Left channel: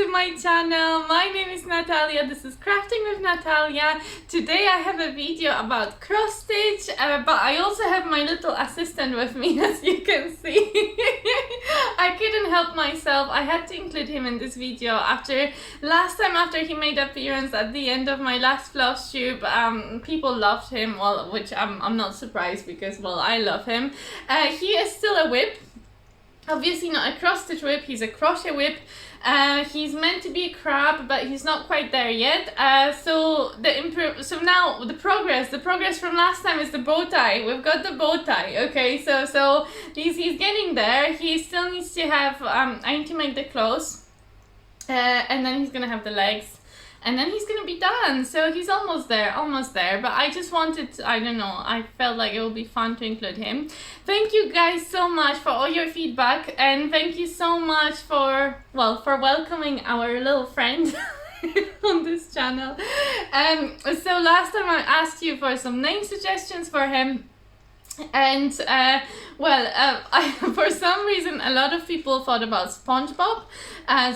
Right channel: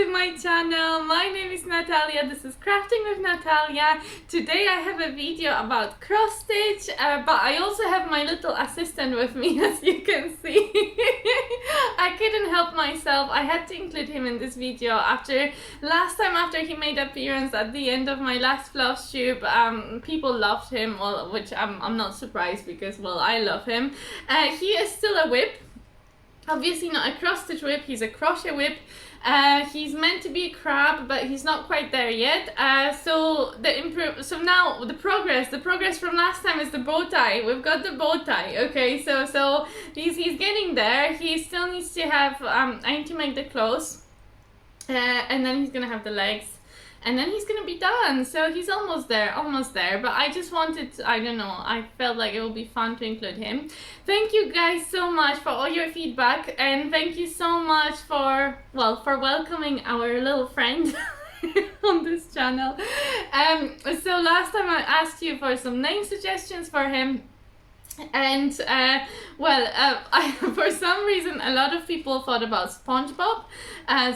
to my channel. My name is Natalia. This is Crafting with Natalia. Today I have a video about cross stitch, but I also have my little assistant with me, as you can see. I couldn't help myself. I had to include him in this video after he made appearance at the end of my last Flosstube. People loved him, well, which I'm not surprised because, well, I love him. He is still a whip. Obviously not a cross stitch whip, he's a crochet whip. He's meant to be a crab, but he's not quite there yet. So now the progress from last time is the bow tie. We've got the bow tie, okay? So he's getting there. He still needs to have I need to make the clothes, and then he's gonna have the legs. And then he's gonna be done, so he's almost there, but I just wanted to, I don't know, I felt like it would be fun to include him. Thank you guys so much for all your feedback, and thank you so much for welcoming our little friend on this channel. So last time I asked you for some name suggestions for him, and for some reason a lot of people thought about SpongeBob,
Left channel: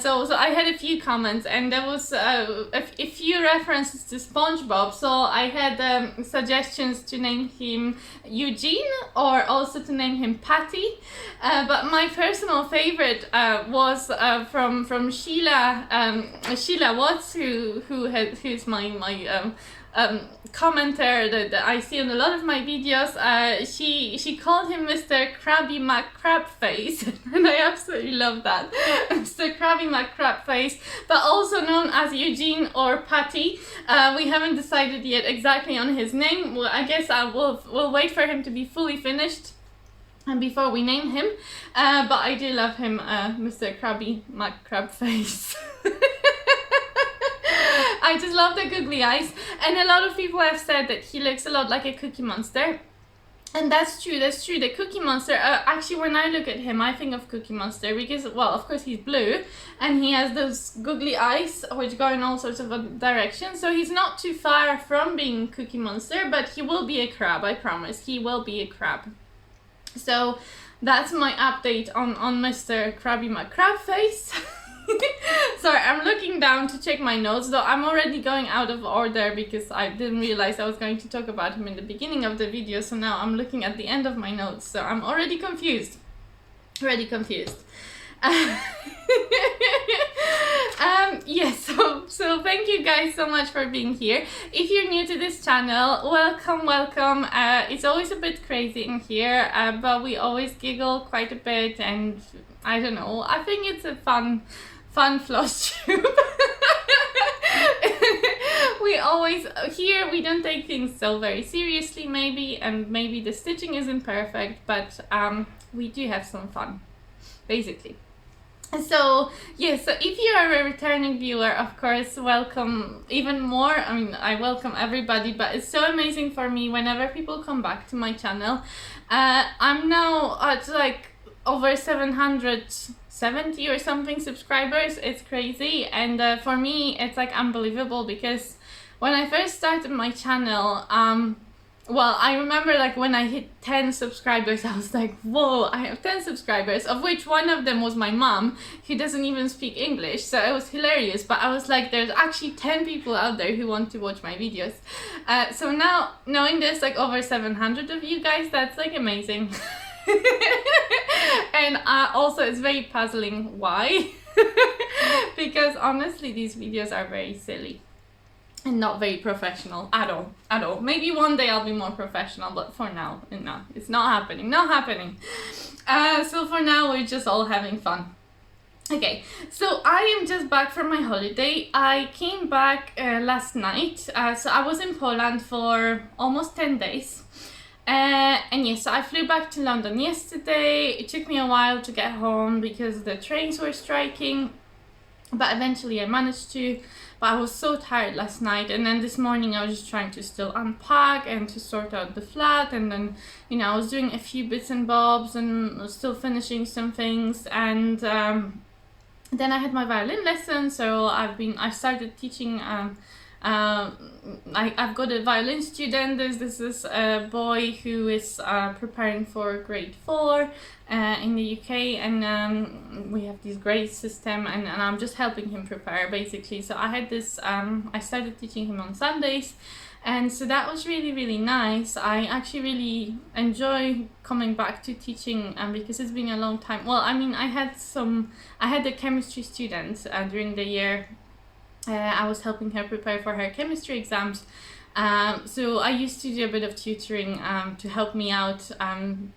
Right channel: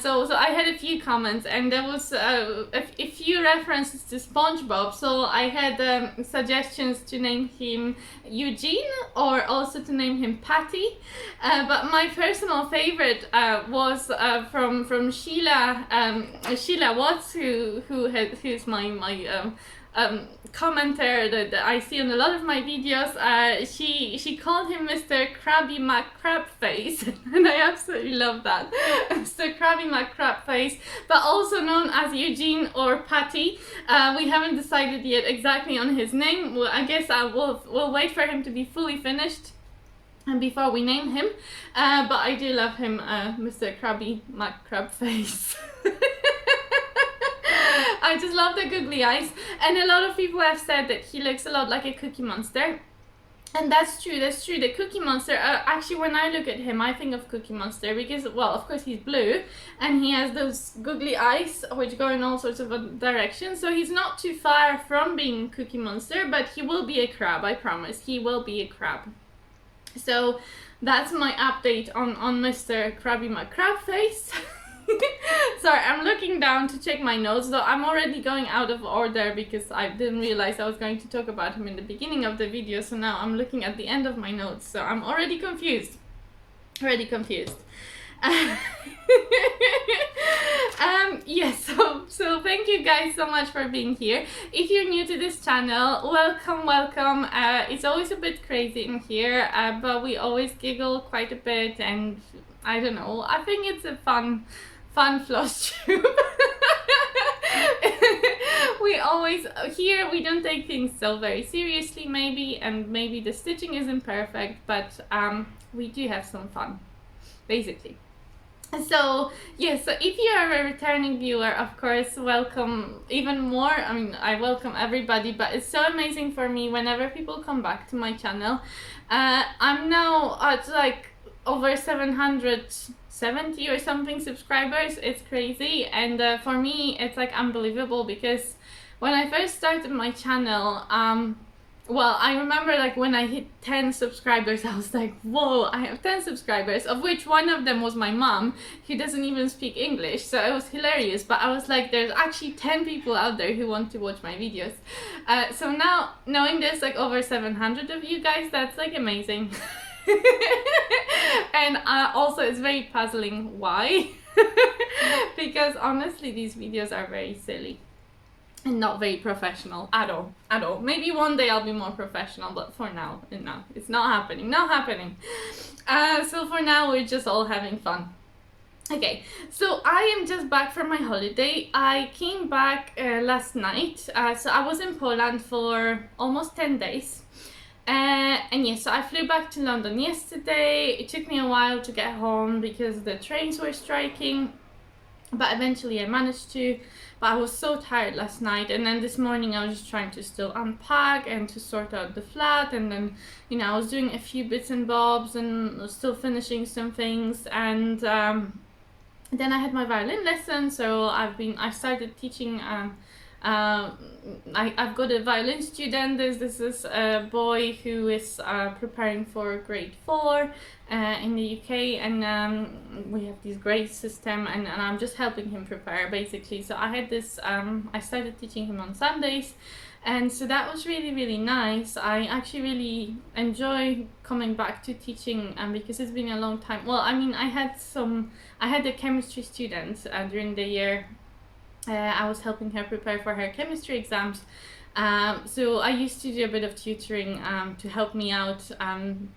so I had a few comments, and there was a few references to SpongeBob, so I had suggestions to name him Eugene or also to name him Patty, but my personal favorite was from Sheila Watts, who's my commenter that I see on a lot of my videos. She called him Mr. Krabby McCrabface, and I absolutely love that. Mr. Krabby McCrabface, but also known as Eugene or Patty. We haven't decided yet exactly on his name. Well, I guess we'll wait for him to be fully finished and before we name him. But I do love him, Mr. Krabby McCrabface. I just love the googly eyes, and a lot of people have said that he looks a lot like a Cookie Monster, and that's true. The Cookie Monster, actually when I look at him I think of Cookie Monster because, well, of course he's blue and he has those googly eyes which go in all sorts of directions, so he's not too far from being Cookie Monster, but he will be a crab, I promise. He will be a crab. So that's my update on Mr. Krabby McCrabface. Sorry, I'm looking down to check my notes, though I'm already going out of order because I didn't realize I was going to talk about him in the beginning of the video, so now I'm looking at the end of my notes, so I'm already confused. Yes, so thank you guys so much for being here. If you're new to this channel, welcome. It's always a bit crazy in here, but we always giggle quite a bit, and I don't know, I think it's a fun Flosstube. We don't take things so very seriously, maybe, and maybe the stitching isn't perfect, but we do have some fun, basically. So yes, so if you are a returning viewer, of course, welcome even more. I mean, I welcome everybody, but it's so amazing for me whenever people come back to my channel. I'm now at like over 770 or something subscribers. It's crazy, and for me it's like unbelievable because when I first started my channel, well, I remember like when I hit 10 subscribers, I was like, whoa, I have 10 subscribers, of which one of them was my mom, who doesn't even speak English, so it was hilarious, but I was like, there's actually 10 people out there who want to watch my videos. So now, knowing there's like over 700 of you guys, that's like amazing. And also it's very puzzling why. Because honestly these videos are very silly and not very professional at all. Maybe one day I'll be more professional, but for now, no, it's not happening. So for now we're just all having fun. Okay, so I am just back from my holiday. I came back last night, so I was in Poland for almost 10 days. And yes, so I flew back to London yesterday. It took me a while to get home because the trains were striking, but eventually I managed to. But I was so tired last night, and then this morning I was just trying to still unpack and to sort out the flat, and then, you know, I was doing a few bits and bobs and still finishing some things, and then I had my violin lesson, so I started teaching I've got a violin student. This is a boy who is preparing for grade 4 in the UK, and we have this grade system, and I'm just helping him prepare basically. So I had this, I started teaching him on Sundays, and so that was really, really nice. I actually really enjoy coming back to teaching because it's been a long time. Well, I mean, I had a chemistry student during the year. I was helping her prepare for her chemistry exams. So I used to do a bit of tutoring to help me out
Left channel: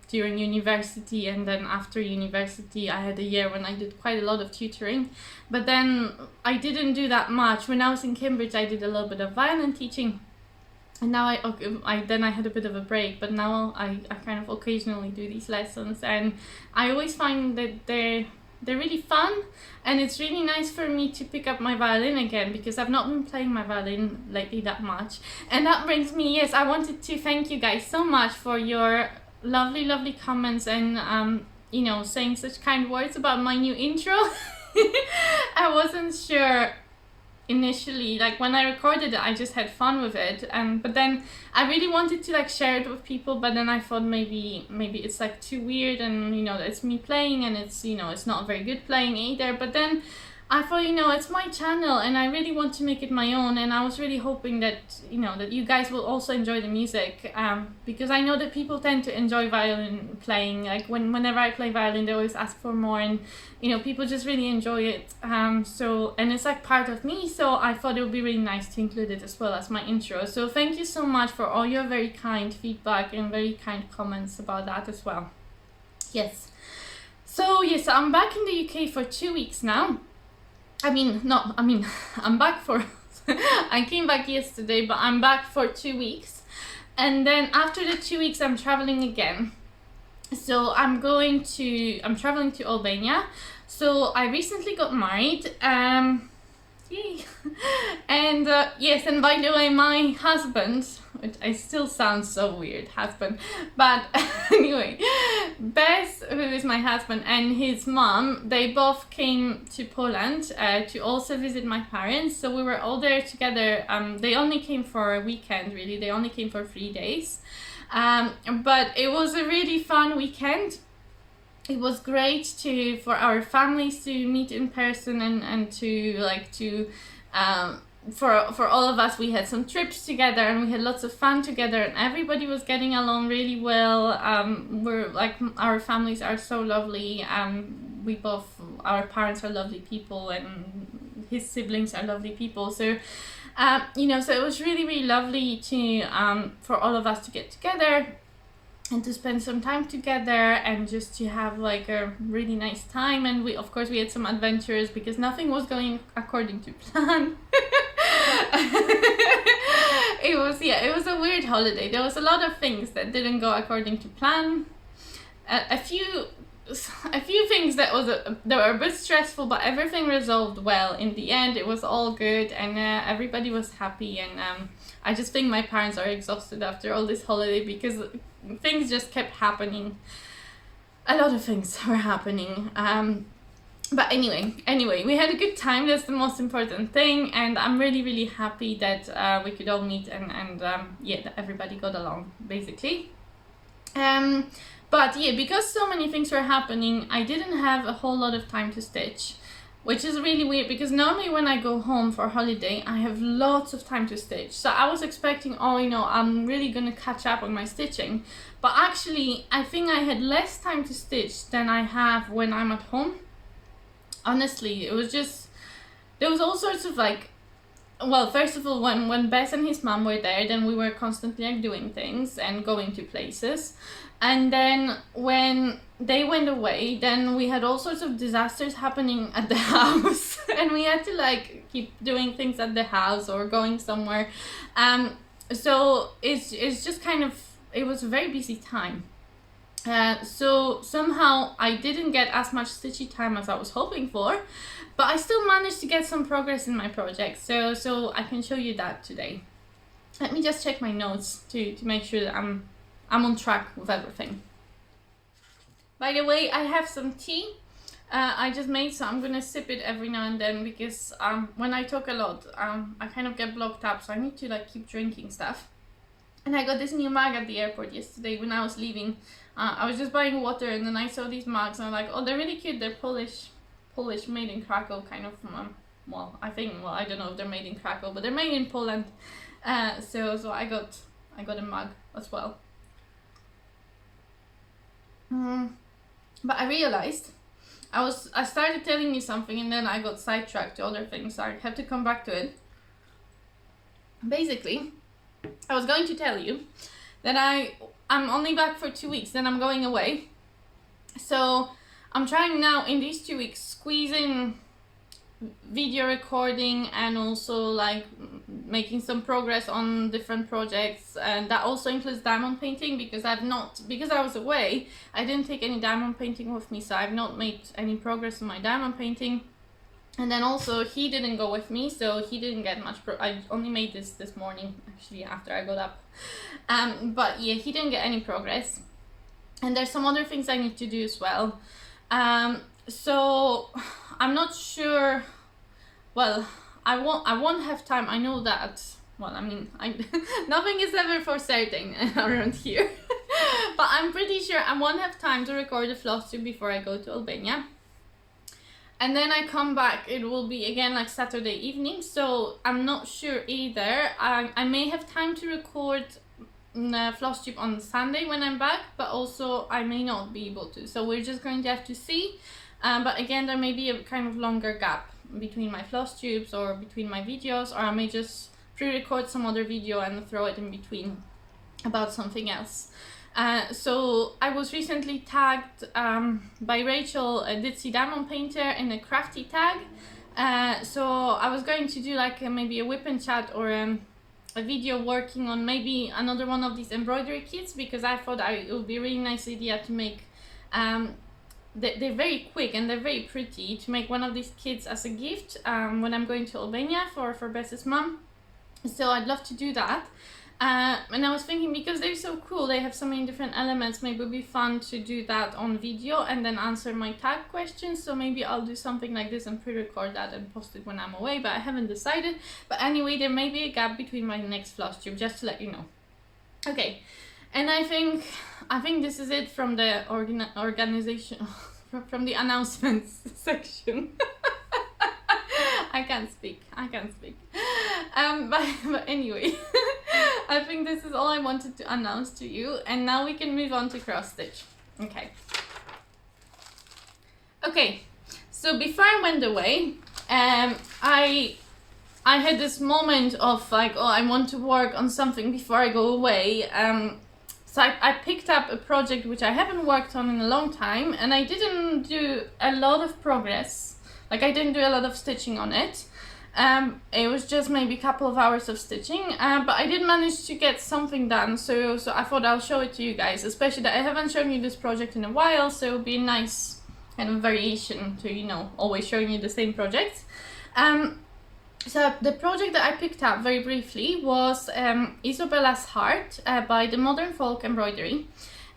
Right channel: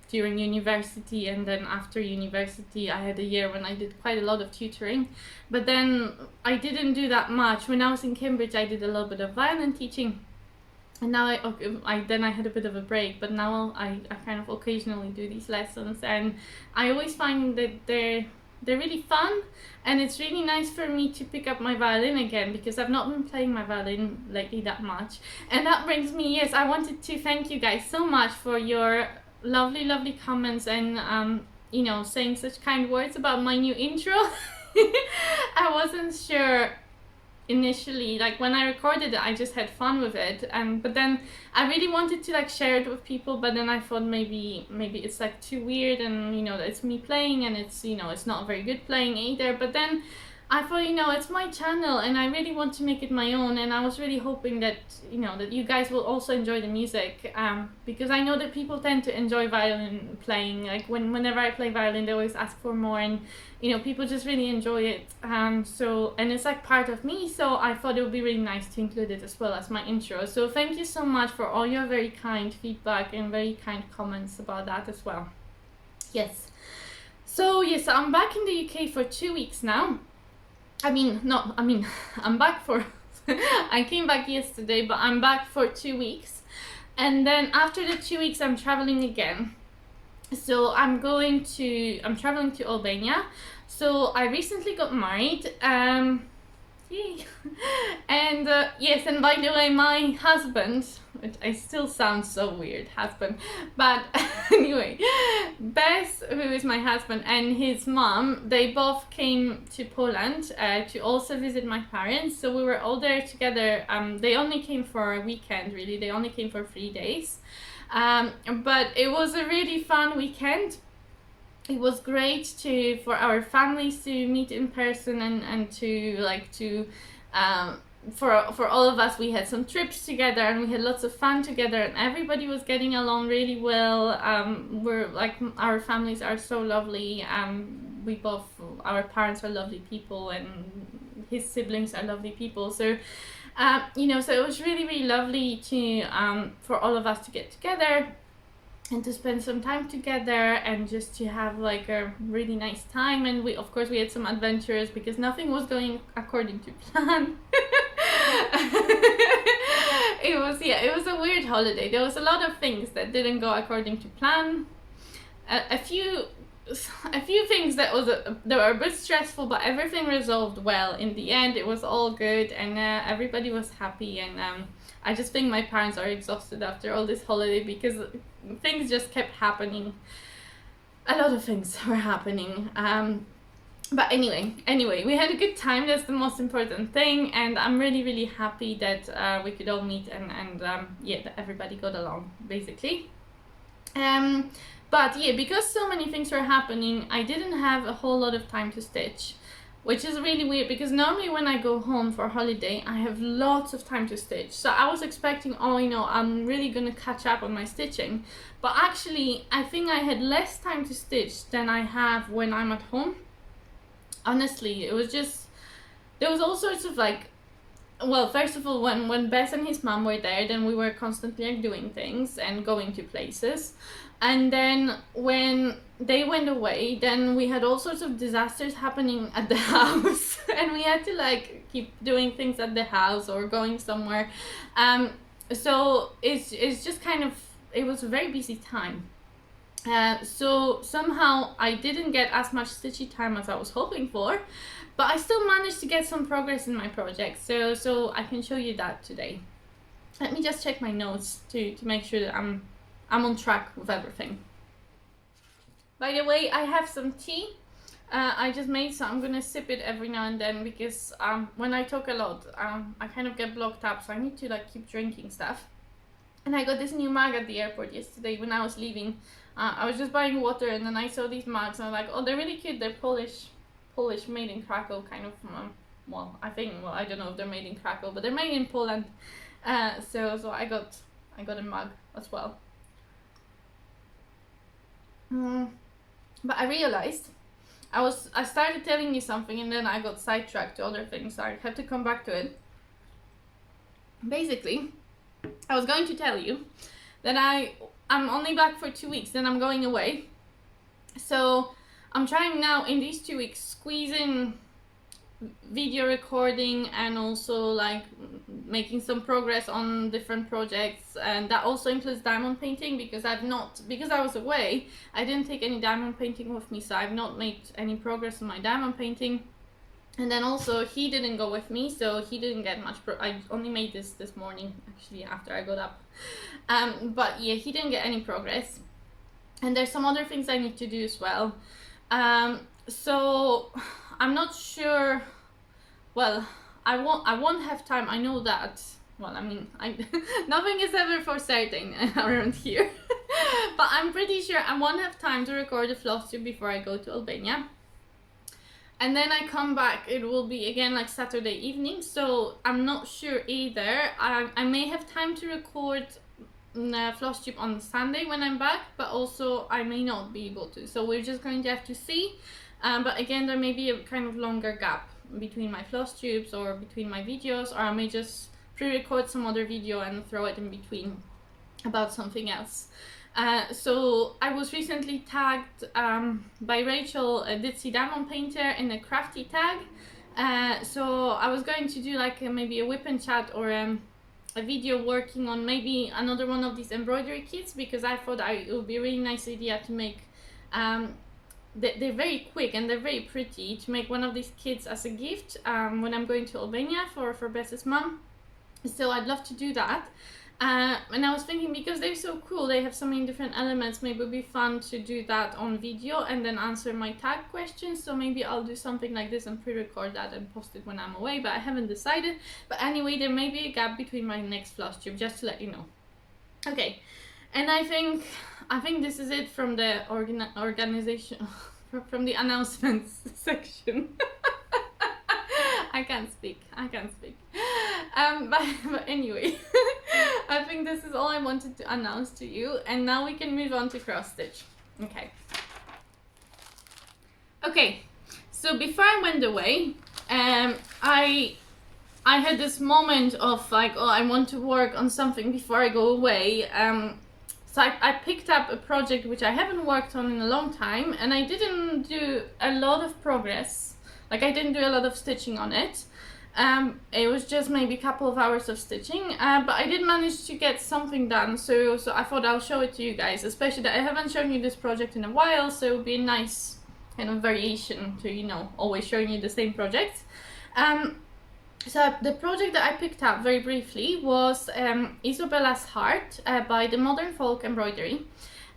during university, and then after university I had a year when I did quite a lot of tutoring, but then I didn't do that much. When I was in Cambridge I did a little bit of violin teaching, and now I had a bit of a break, but now I kind of occasionally do these lessons, and I always find that they're really fun, and it's really nice for me to pick up my violin again because I've not been playing my violin lately that much. And that brings me, yes, I wanted to thank you guys so much for your lovely comments and you know, saying such kind words about my new intro. I wasn't sure initially, like when I recorded it I just had fun with it, but then I really wanted to like share it with people, but then I thought maybe it's like too weird, and you know, it's me playing, and it's, you know, it's not very good playing either. But then I thought, you know, it's my channel and I really want to make it my own, and I was really hoping that, you know, that you guys will also enjoy the music, because I know that people tend to enjoy violin playing. Like whenever I play violin they always ask for more, and you know, people just really enjoy it. So, and it's like part of me, so I thought it would be really nice to include it as well as my intro. So thank you so much for all your very kind feedback and very kind comments about that as well. Yes. So yes, I'm back in the UK for 2 weeks now. I'm back for I came back yesterday, but I'm back for 2 weeks, and then after the 2 weeks I'm traveling again. So I'm traveling to Albania. So I recently got married, yay. And yes, and by the way, my husband, which I still sound so weird, husband, but anyway, Bess, who is my husband, and his mom, they both came to Poland to also visit my parents. So we were all there together. They only came for a weekend, really. They only came for 3 days. But it was a really fun weekend. It was great for our families to meet in person, and for all of us, we had some trips together and we had lots of fun together, and everybody was getting along really well. We're like, our families are so lovely. Our parents are lovely people, and his siblings are lovely people. So you know, so it was really lovely to for all of us to get together and to spend some time together and just to have like a really nice time. And we, of course, we had some adventures because nothing was going according to plan. It was a weird holiday. There was a lot of things that didn't go according to plan. A few things that were a bit stressful, but everything resolved well in the end. It was all good, and everybody was happy. And I just think my parents are exhausted after all this holiday because things just kept happening. A lot of things were happening. But anyway, we had a good time. That's the most important thing, and I'm really happy that we could all meet and yeah, that everybody got along basically. But yeah, because so many things were happening, I didn't have a whole lot of time to stitch, which is really weird because normally when I go home for holiday, I have lots of time to stitch. So I was expecting, oh, you know, I'm really gonna catch up on my stitching. But actually, I think I had less time to stitch than I have when I'm at home. Honestly, it was just, there was all sorts of like, well, first of all, when Bess and his mom were there, then we were constantly like doing things and going to places. And then when they went away, then we had all sorts of disasters happening at the house, and we had to like keep doing things at the house or going somewhere. So it's just kind of, it was a very busy time. So somehow I didn't get as much stitchy time as I was hoping for, but I still managed to get some progress in my project. So I can show you that today. Let me just check my notes to make sure that I'm on track with everything. By the way, I have some tea. I just made, so I'm gonna sip it every now and then because when I talk a lot, I kind of get blocked up, so I need to like keep drinking stuff. And I got this new mug at the airport yesterday when I was leaving. I was just buying water and then I saw these mugs and I'm like, oh, they're really cute. They're Polish, made in Krakow, kind of. Well, I don't know if they're made in Krakow, but they're made in Poland. So I got a mug as well. But I realized I started telling you something and then I got sidetracked to other things, so I have to come back to it. Basically, I was going to tell you that I'm only back for 2 weeks, then I'm going away. So I'm trying now in these 2 weeks squeeze in video recording and also like making some progress on different projects, and that also includes diamond painting because because I was away, I didn't take any diamond painting with me, so I've not made any progress in my diamond painting. And then also he didn't go with me, so he didn't get much I only made this morning actually after I got up. But yeah, he didn't get any progress, and there's some other things I need to do as well. So I'm not sure. Well, I won't have time. I know that. Well, I mean, nothing is ever for certain around here. But I'm pretty sure I won't have time to record a Flosstube before I go to Albania. And then I come back, it will be again like Saturday evening, so I'm not sure either. I may have time to record Flosstube on Sunday when I'm back, but also I may not be able to. So we're just going to have to see. But again, there may be a kind of longer gap between my Flosstubes or between my videos, or I may just pre-record some other video and throw it in between about something else. So I was recently tagged by Rachel, a Ditzy diamond painter, in a crafty tag. So I was going to do like maybe a whip and chat or a video working on maybe another one of these embroidery kits, because I thought it would be a really nice idea to make they're very quick and they're very pretty, to make one of these kits as a gift when I'm going to Albania for Bess's mum. So I'd love to do that. And I was thinking, because they're so cool, they have so many different elements, maybe it would be fun to do that on video and then answer my tag questions. So maybe I'll do something like this and pre-record that and post it when I'm away, but I haven't decided. But anyway, there may be a gap between my next Flosstube, just to let you know. Okay, and I think this is it from the organization, from the announcements section. I can't speak. But anyway, I think this is all I wanted to announce to you, and now we can move on to cross stitch. Okay, so before I went away, I had this moment of like, oh, I want to work on something before I go away. So I picked up a project which I haven't worked on in a long time, and I didn't do a lot of progress. Like, I didn't do a lot of stitching on it. It was just maybe a couple of hours of stitching, but I did manage to get something done, so I thought I'll show it to you guys, especially that I haven't shown you this project in a while, so it would be a nice kind of variation to, you know, always showing you the same projects. So the project that I picked up very briefly was Isabella's Heart by the Modern Folk Embroidery.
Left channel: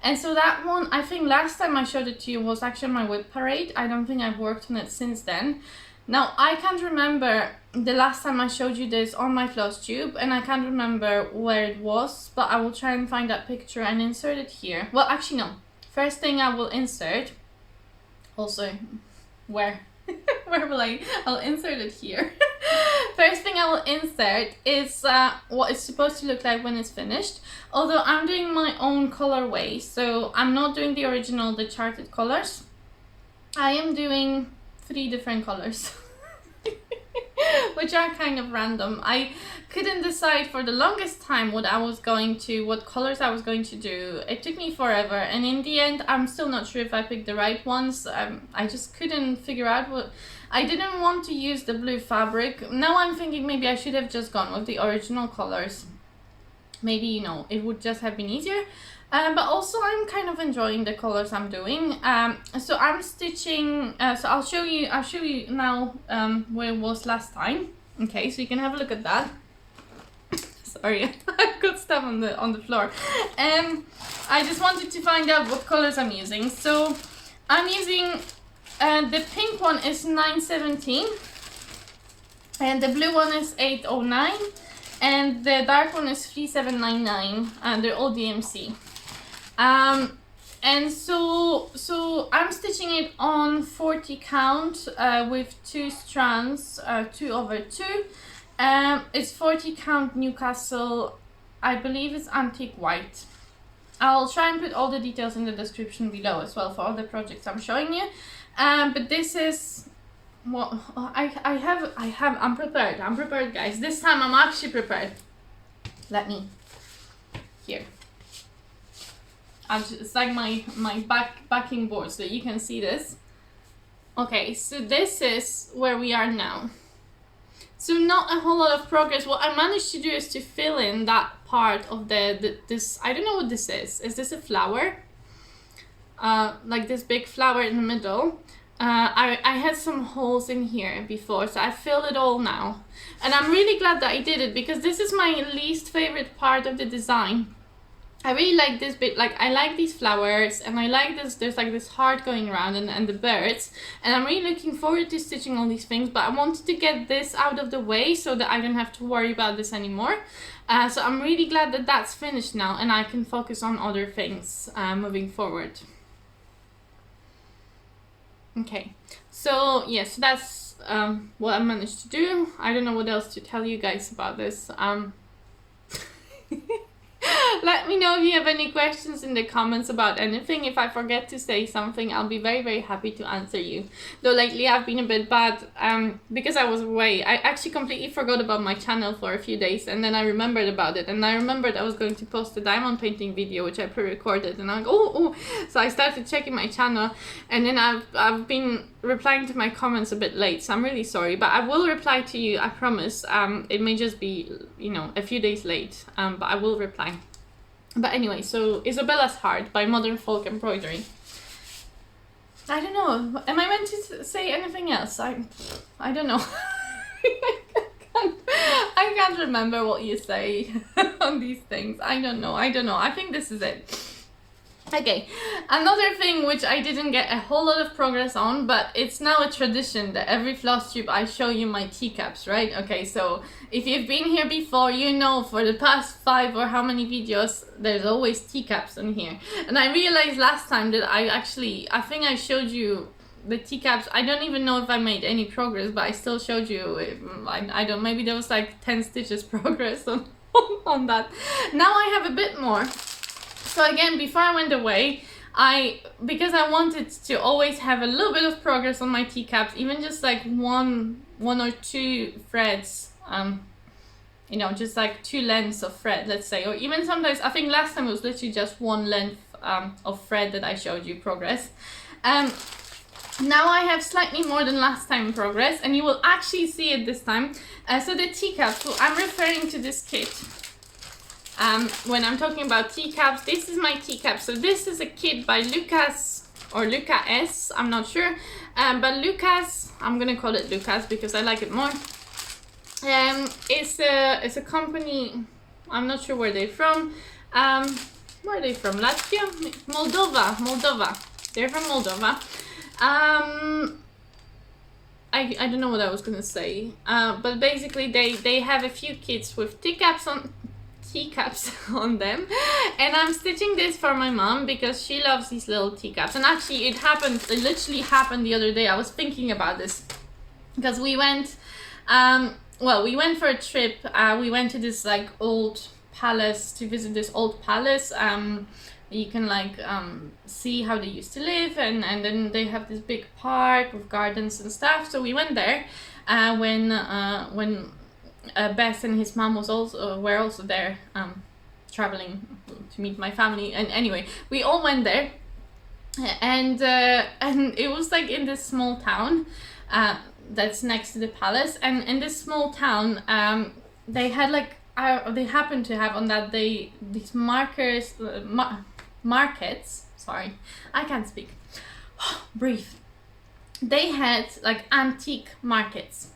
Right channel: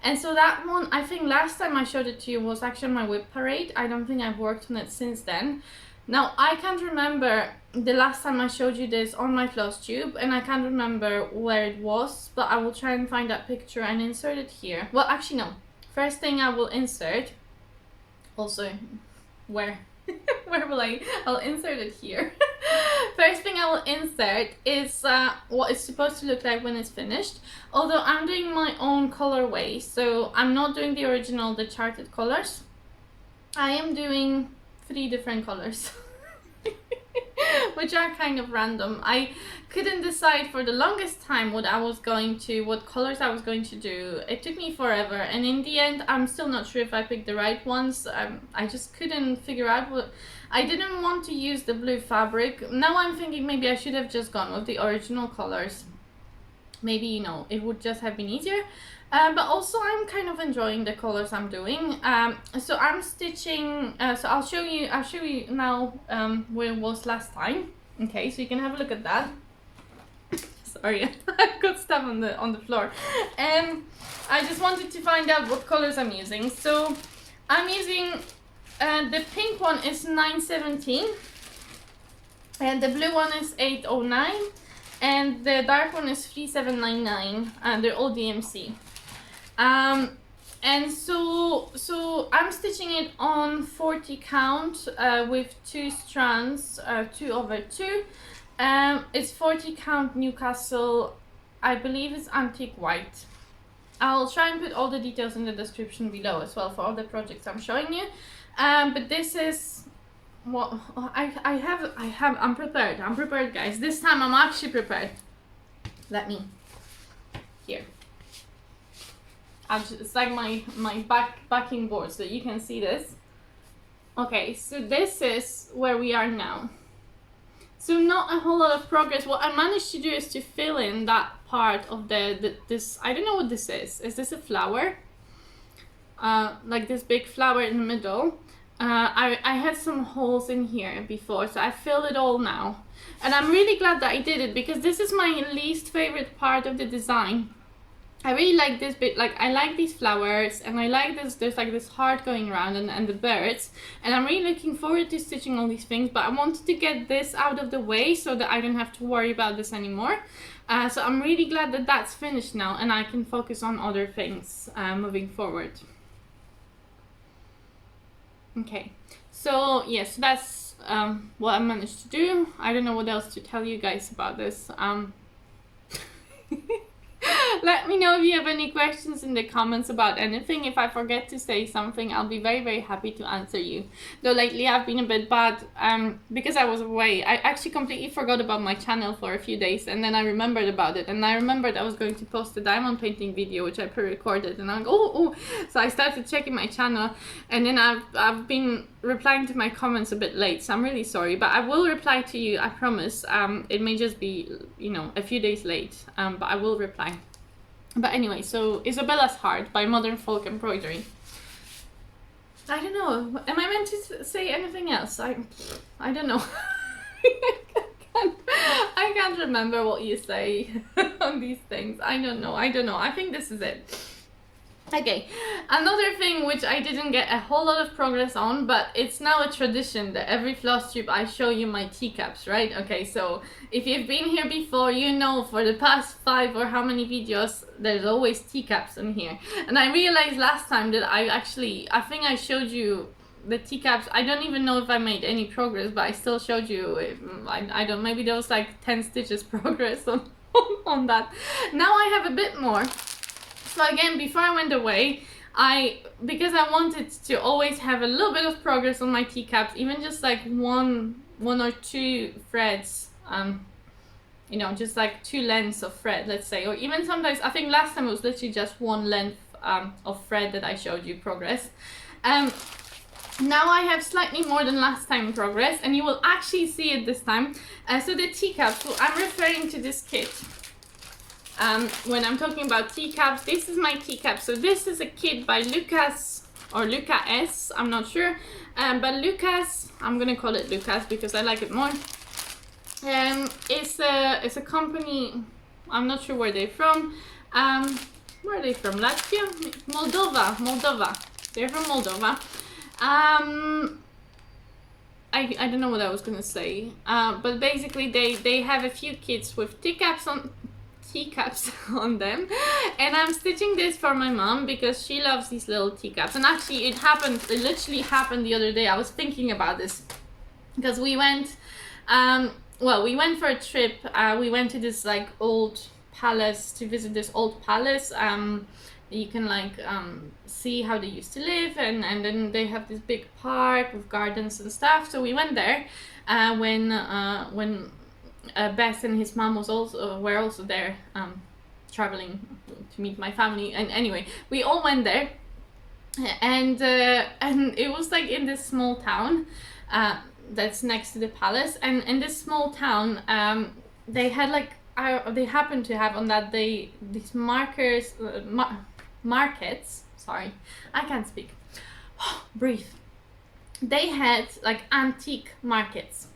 And so that one, I think last time I showed it to you was actually my whip parade. I don't think I've worked on it since then. Now, I can't remember the last time I showed you this on my Flosstube, and I can't remember where it was, but I will try and find that picture and insert it here. Well, actually no. First thing I will insert, also, where will I'll insert it here. First thing I will insert is what it's supposed to look like when it's finished. Although I'm doing my own colorway, so I'm not doing the original, the charted colors. I am doing 3 different colors, which are kind of random. I couldn't decide for the longest time what colors I was going to do. It took me forever, and in the end, I'm still not sure if I picked the right ones. I just couldn't figure out what. I didn't want to use the blue fabric. Now I'm thinking maybe I should have just gone with the original colors. Maybe, you know, it would just have been easier. But also I'm kind of enjoying the colors I'm doing. So I'm stitching, so I'll show you now where it was last time. Okay, so you can have a look at that. Sorry, I've got stuff on the floor. I just wanted to find out what colors I'm using. So I'm using The pink one is 917, and the blue one is 809, and the dark one is 3799, and they're all DMC. And so I'm stitching it on 40 count with 2 strands, 2/2. It's 40 count Newcastle. I believe it's antique white. I'll try and put all the details in the description below as well for all the projects I'm showing you. But this is what I'm prepared. I'm prepared, guys. This time I'm actually prepared. Let me here. It's like my backing board so you can see this. Okay, so this is where we are now. So not a whole lot of progress. What I managed to do is to fill in that part of this, I don't know what this is. Is this a flower? Like this big flower in the middle. I had some holes in here before, so I filled it all now. And I'm really glad that I did it because this is my least favorite part of the design. I really like this bit, like I like these flowers and I like this, there's like this heart going around and the birds, and I'm really looking forward to stitching all these things, but I wanted to get this out of the way so that I don't have to worry about this anymore. So I'm really glad that that's finished now and I can focus on other things moving forward. Okay, so yes, that's what I managed to do. I don't know what else to tell you guys about this. Let me know if you have any questions in the comments about anything. If I forget to say something, I'll be very, very happy to answer you. Though lately I've been a bit bad because I was away. I actually completely forgot about my channel for a few days, and then I remembered about it. And I remembered I was going to post a diamond painting video, which I pre-recorded. And I'm like, oh. So I started checking my channel, and then I've been replying to my comments a bit late. So I'm really sorry, but I will reply to you, I promise. It may just be, you know, a few days late, but I will reply. But anyway, so Isabella's Heart by Modern Folk Embroidery. I don't know. Am I meant to say anything else? I don't know. I can't remember what you say on these things. I don't know. I think this is it. Okay, another thing which I didn't get a whole lot of progress on, but it's now a tradition that every Flosstube I show you my teacups, right? Okay, so if you've been here before, you know for the past 5 or how many videos, there's always teacups in here. And I realized last time that I think I showed you the teacups. I don't even know if I made any progress, but I still showed you. I don't, maybe there was like 10 stitches progress on that. Now I have a bit more. So again, before I went away, because I wanted to always have a little bit of progress on my teacups, even just like one or two threads, you know, just like 2 lengths of thread, let's say, or even sometimes, I think last time it was literally just 1 length of thread that I showed you progress. Now I have slightly more than last time progress, and you will actually see it this time. So the teacups, so I'm referring to this kit. When I'm talking about teacups, this is my teacup. So this is a kit by Luca-S or Luca-S, I'm not sure. But Luca-S, I'm gonna call it Luca-S because I like it more. It's a company, I'm not sure where they're from. Where are they from? Latvia? Moldova. They're from Moldova. I don't know what I was gonna say. But basically they have a few kits with teacups on them, and I'm stitching this for my mom because she loves these little teacups. And actually it literally happened the other day. I was thinking about this because we went for a trip. We went to this like old palace to visit this old palace. You can like see how they used to live, and then they have this big park with gardens and stuff. So we went there when Bess and his mom were also there, traveling to meet my family. And anyway, we all went there, and it was like in this small town that's next to the palace. And in this small town, they had like they happened to have on that day these markets. Sorry, I can't speak. Breathe. They had like antique markets.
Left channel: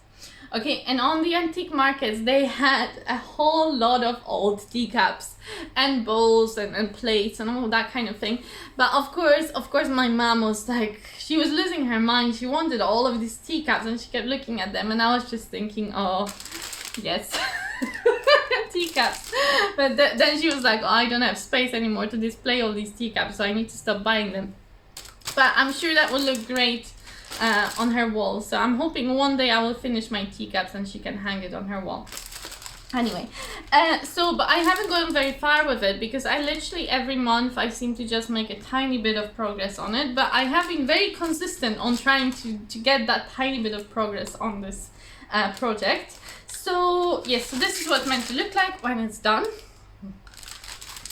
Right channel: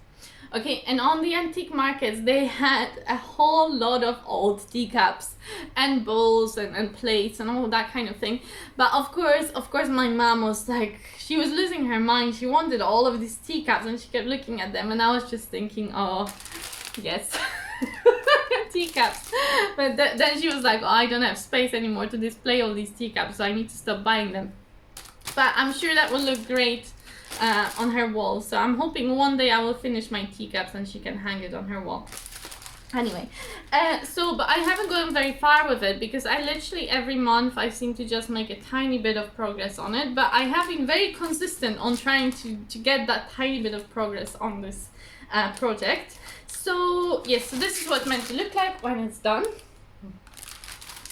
Okay, and on the antique markets they had a whole lot of old teacups and bowls and plates and all that kind of thing. But of course my mom was like, she was losing her mind. She wanted all of these teacups and she kept looking at them, and I was just thinking, oh yes. Teacups. But then she was like, oh, I don't have space anymore to display all these teacups, so I need to stop buying them. But I'm sure that will look great on her wall, so I'm hoping one day I will finish my teacups and she can hang it on her wall. Anyway, but I haven't gone very far with it because I literally every month I seem to just make a tiny bit of progress on it, but I have been very consistent on trying to get that tiny bit of progress on this project. So yes, so this is what it's meant to look like when it's done.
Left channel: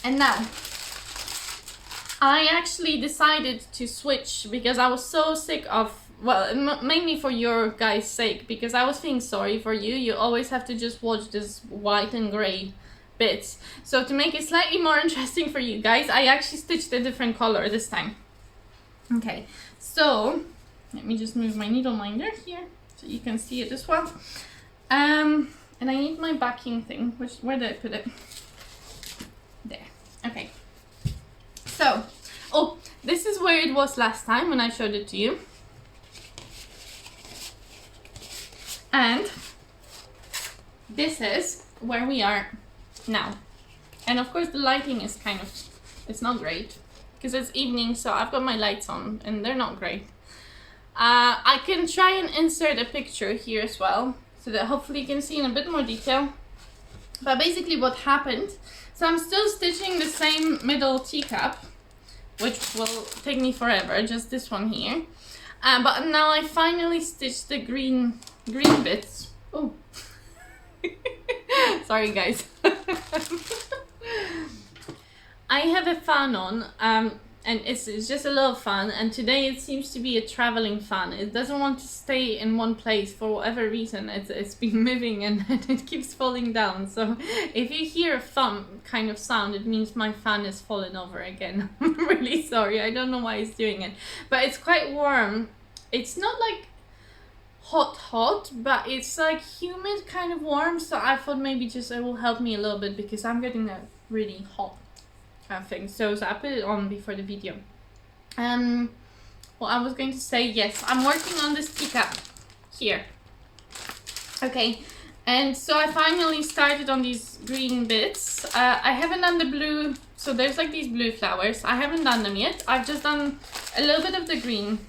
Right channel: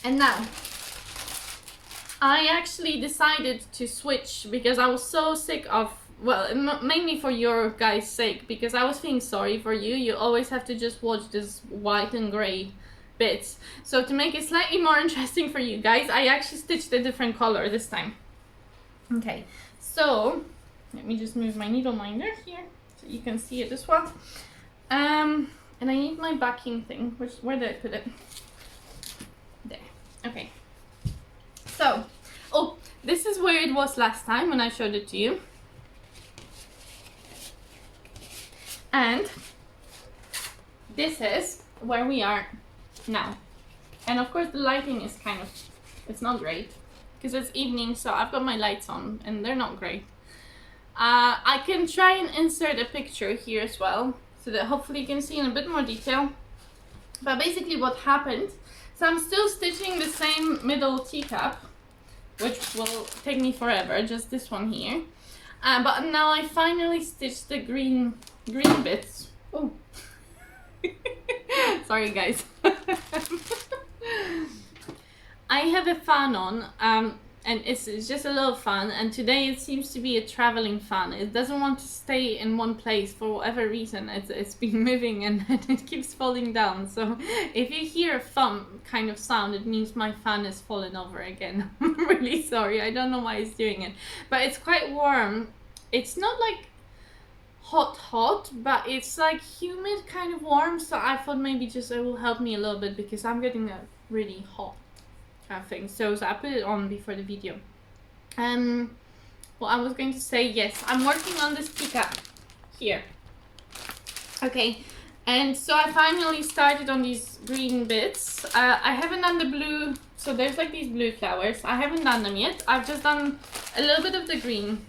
And now I actually decided to switch because I was so sick of, well, mainly for your guys' sake, because I was feeling sorry for you. You always have to just watch this white and grey bits. So to make it slightly more interesting for you guys, I actually stitched a different color this time. Okay, so let me just move my needle minder here so you can see it as well. And I need my backing thing. Where did I put it? There. Okay. So, oh, this is where it was last time when I showed it to you. And this is where we are now. And of course the lighting is kind of, it's not great because it's evening, so I've got my lights on and they're not great. I can try and insert a picture here as well, so that hopefully you can see in a bit more detail. But basically what happened, so I'm still stitching the same middle teacup, which will take me forever, just this one here. But now I finally stitched the green bits. Oh, sorry guys. I have a fan on, and it's just a little fan, and today it seems to be a traveling fan. It doesn't want to stay in one place for whatever reason. It's been moving and it keeps falling down. So if you hear a thump kind of sound, it means my fan is falling over again. I'm really sorry, I don't know why it's doing it. But it's quite warm. It's not like hot, but it's like humid kind of warm. So I thought maybe just it will help me a little bit because I'm getting a really hot thing. So I put it on before the video. Well, I was going to say, yes, I'm working on this teacup here. Okay, and so I finally started on these green bits. I haven't done the blue, so there's like these blue flowers. I haven't done them yet. I've just done a little bit of the green.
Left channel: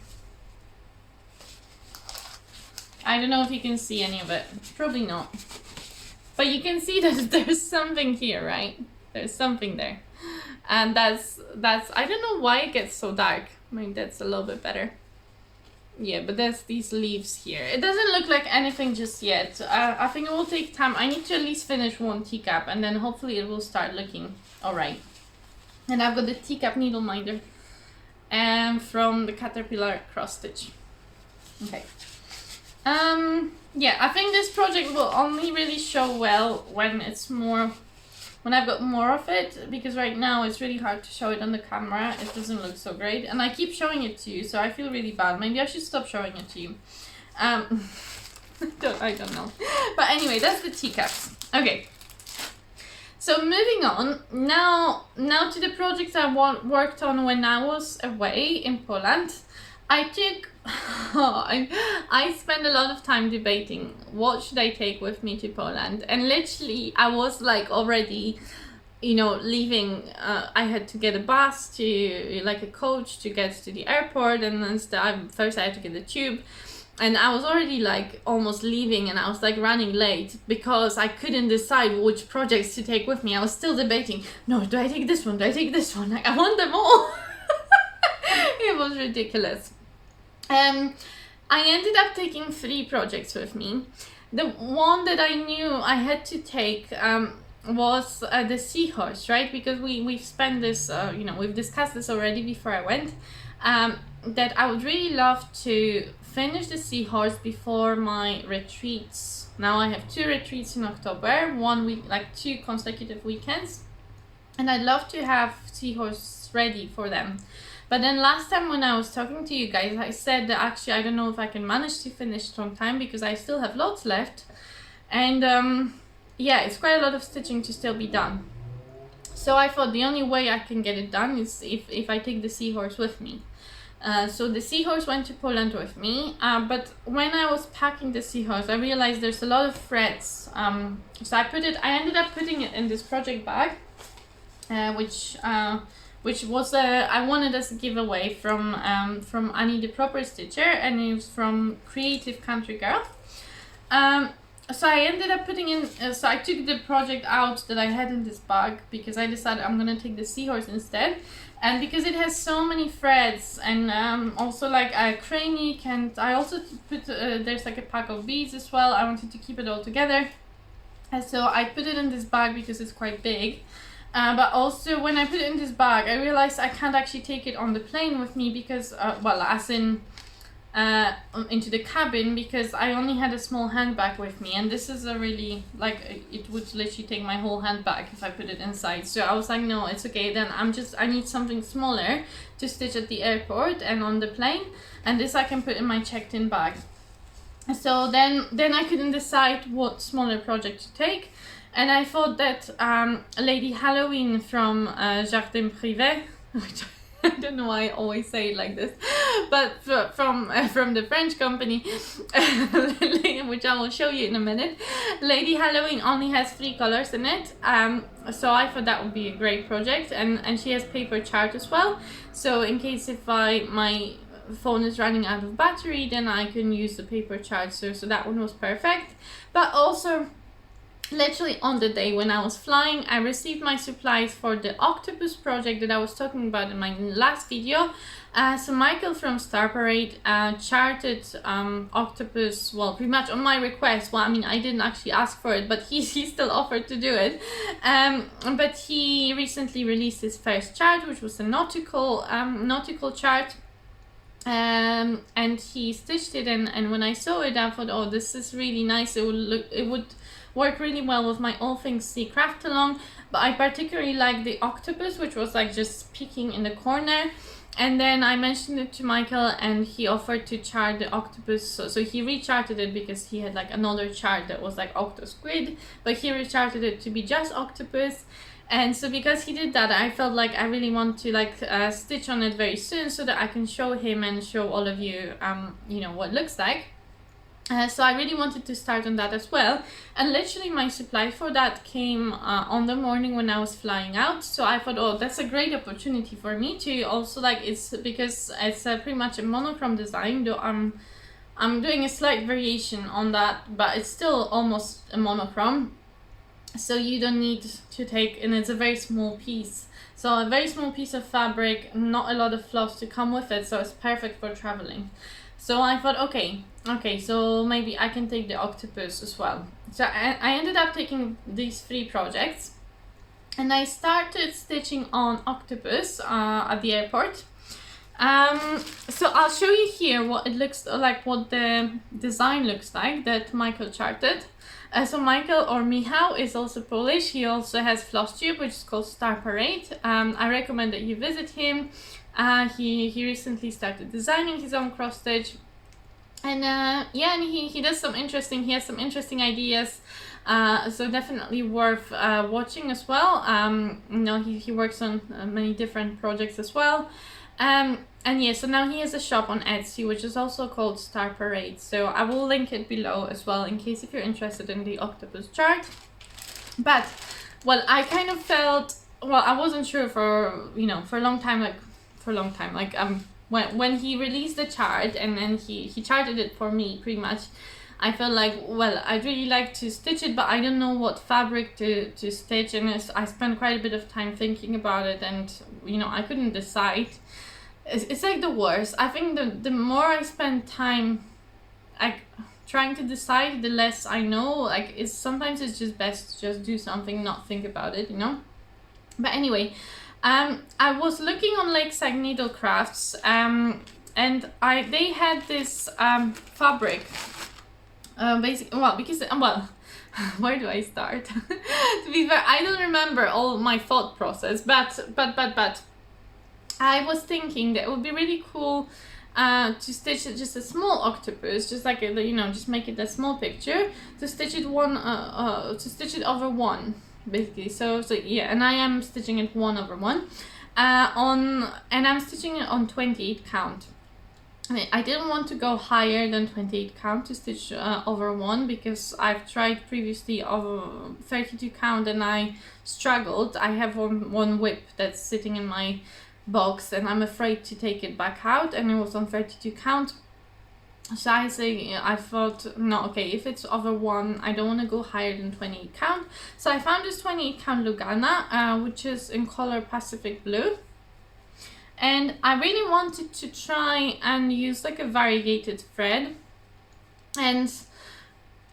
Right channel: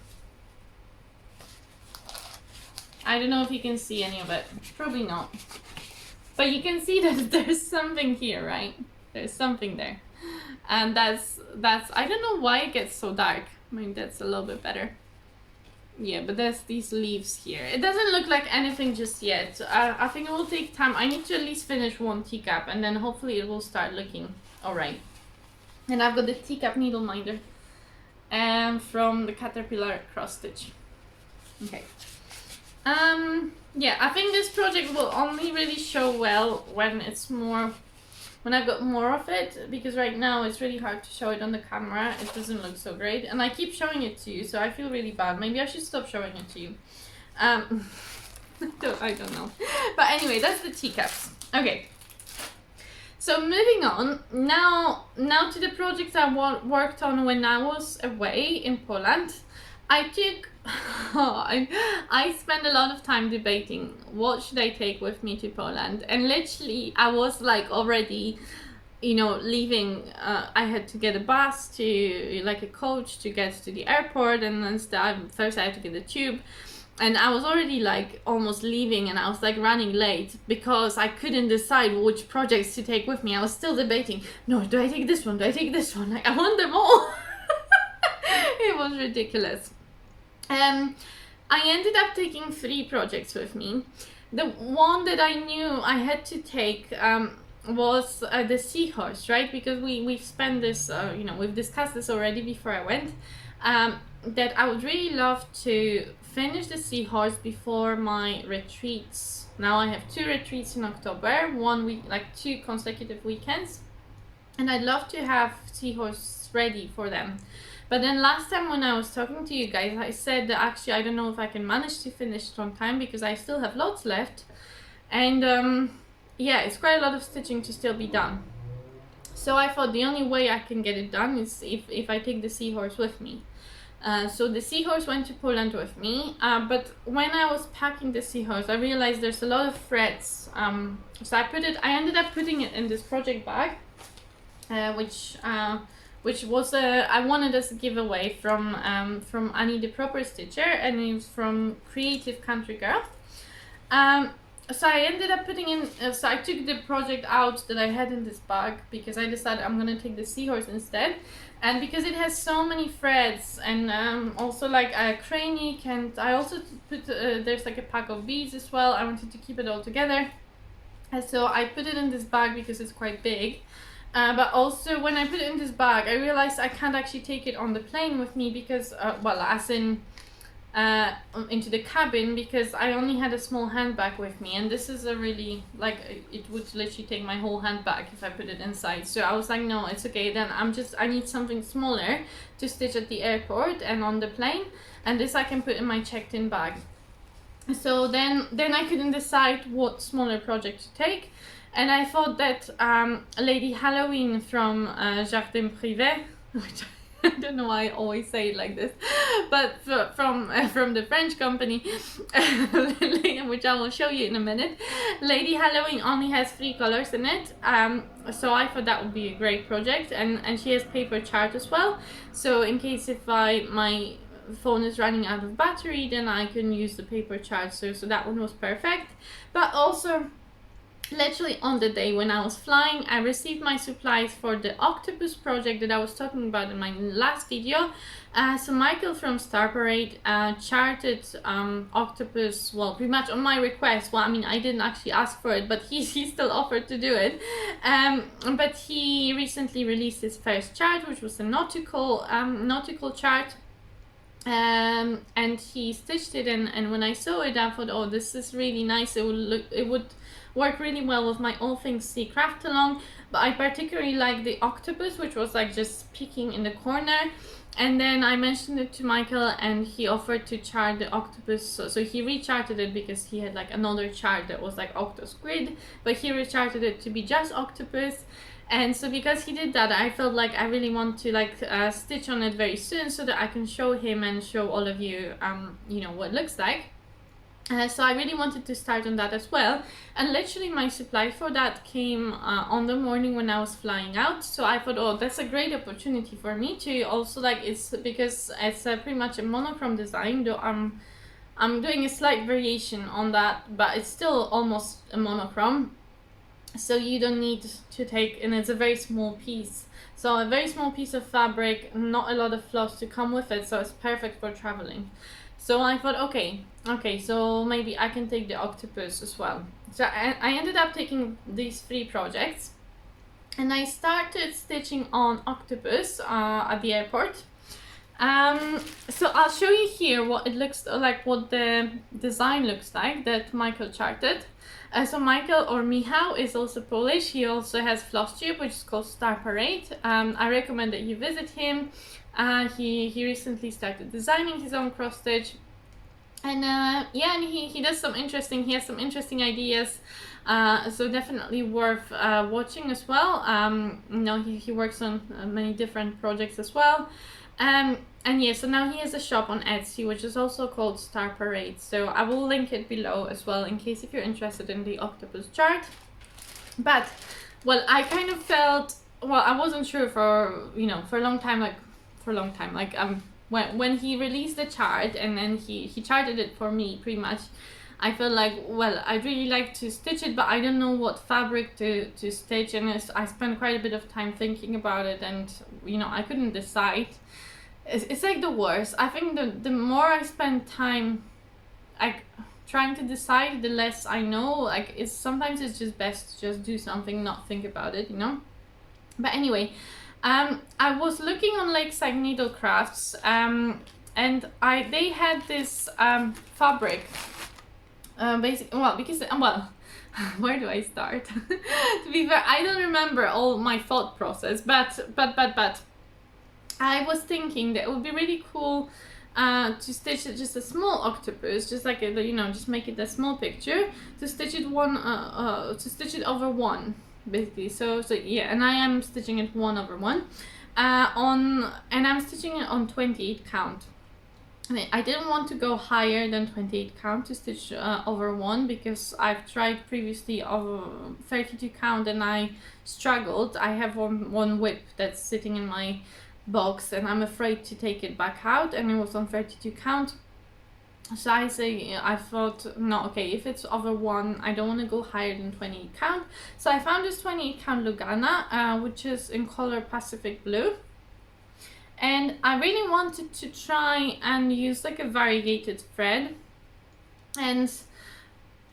I don't know if you can see any of it. Probably not. But you can see that there's something here, right? There's something there. And that's I don't know why it gets so dark. Maybe that's a little bit better. Yeah, but there's these leaves here. It doesn't look like anything just yet. I think it will take time. I need to at least finish one teacup and then hopefully it will start looking alright. And I've got the teacup needle minder from the Caterpillar cross stitch. Okay. Yeah, I think this project will only really show well when I've got more of it, because right now it's really hard to show it on the camera. It doesn't look so great, and I keep showing it to you, so I feel really bad. Maybe I should stop showing it to you. I don't know. But anyway, that's the teacups. Okay. So moving on, now to the projects I worked on when I was away in Poland. I spent a lot of time debating what should I take with me to Poland, and literally I was like already, you know, leaving. I had to get a bus to, like a coach to get to the airport, and then first I had to get the tube, and I was already like almost leaving, and I was like running late because I couldn't decide which projects to take with me. I was still debating, no, do I take this one, do I take this one? Like, I want them all. It was ridiculous. I ended up taking 3 projects with me. The one that I knew I had to take was the seahorse, right? Because we've spent this, you know, we've discussed this already before I went, that I would really love to finish the seahorse before my retreats. Now I have 2 retreats in October, 1 week, like 2 consecutive weekends, and I'd love to have seahorse ready for them. But then last time when I was talking to you guys, I said that actually I don't know if I can manage to finish it on time because I still have lots left. And yeah, it's quite a lot of stitching to still be done. So I thought the only way I can get it done is if I take the seahorse with me. So the seahorse went to Poland with me, but when I was packing the seahorse, I realized there's a lot of threads. So I ended up putting it in this project bag, which was I wanted as a giveaway from Annie the Proper Stitcher, and it was from Creative Country Girl. So I ended up putting in, so I took the project out that I had in this bag because I decided I'm gonna take the seahorse instead. And because it has so many threads and also like a cranic, and I also put, there's like a pack of beads as well. I wanted to keep it all together. And so I put it in this bag because it's quite big. But also when I put it in this bag, I realized I can't actually take it on the plane with me because, well, as in into the cabin, because I only had a small handbag with me, and this is a really, like, it would literally take my whole handbag if I put it inside. So I was like, no, it's okay, then I need something smaller to stitch at the airport and on the plane, and this I can put in my checked-in bag. So then I couldn't decide what smaller project to take, and I thought that Lady Halloween from Jardin Privé, which I don't know why I always say it like this, but from the French company, which I will show you in a minute. Lady Halloween only has 3 colors in it, so I thought that would be a great project, and she has paper chart as well. So in case if my phone is running out of battery, then I can use the paper chart. So that one was perfect. But also, literally on the day when I was flying, I received my supplies for the Octopus project that I was talking about in my last video. So Michael from Star Parade charted Octopus, well, pretty much on my request. Well, I mean, I didn't actually ask for it, but he still offered to do it. But he recently released his first chart, which was a nautical chart. And he stitched it, and when I saw it, I thought, oh, this is really nice. It would work really well with my All Things Sea craft along. But I particularly like the Octopus, which was like just peeking in the corner. And then I mentioned it to Michael, and he offered to chart the Octopus. So he recharted it because he had like another chart that was like Octo Squid, but he recharted it to be just Octopus. And so because he did that, I felt like I really want to like stitch on it very soon so that I can show him and show all of you, you know, what it looks like. So I really wanted to start on that as well, and literally my supply for that came on the morning when I was flying out. So I thought, oh, that's a great opportunity for me to also, like, it's because it's pretty much a monochrome design, though I'm doing a slight variation on that, but it's still almost a monochrome. So you don't need to take, and it's a very small piece, so a very small piece of fabric, not a lot of floss to come with it, so it's perfect for traveling. So I thought, okay, so maybe I can take the Octopus as well. So I ended up taking these 3 projects, and I started stitching on Octopus at the airport. So I'll show you here what it looks like, what the design looks like that Michael charted. So Michael, or Michał, is also Polish. He also has Flosstube, which is called Star Parade. I recommend that you visit him. He recently started designing his own cross stitch, and yeah, and he has some interesting ideas. So definitely worth watching as well. You know, he works on many different projects as well. And yeah, so now he has a shop on Etsy, which is also called Star Parade. So I will link it below as well, in case if you're interested in the Octopus chart. But, well, I kind of felt, well, I wasn't sure for, you know, for a long time, when he released the chart and then he charted it for me, pretty much, I felt like, well, I'd really like to stitch it, but I don't know what fabric to stitch, and I spent quite a bit of time thinking about it, and, you know, I couldn't decide. It's like the worst. I think the more I spend time like trying to decide, the less I know. Like, sometimes it's just best to just do something, not think about it, you know. But anyway, I was looking on Lakeside Needle Crafts, and they had this fabric. Basically, well, because where do I start? To be fair, I don't remember all my thought process, but I was thinking that it would be really cool to stitch just a small octopus, just like a, you know, just make it a small picture, to stitch it over one, basically. So yeah, and I am stitching it 1 over 1 and I'm stitching it on 28 count. I didn't want to go higher than 28 count to stitch over 1, because I've tried previously over 32 count and I struggled. I have one whip that's sitting in my box and I'm afraid to take it back out, and it was on 32 count. So I thought, no, okay, if it's over 1, I don't want to go higher than 28 count. So I found this 28 count lugana, which is in color Pacific Blue. And I really wanted to try and use like a variegated thread, and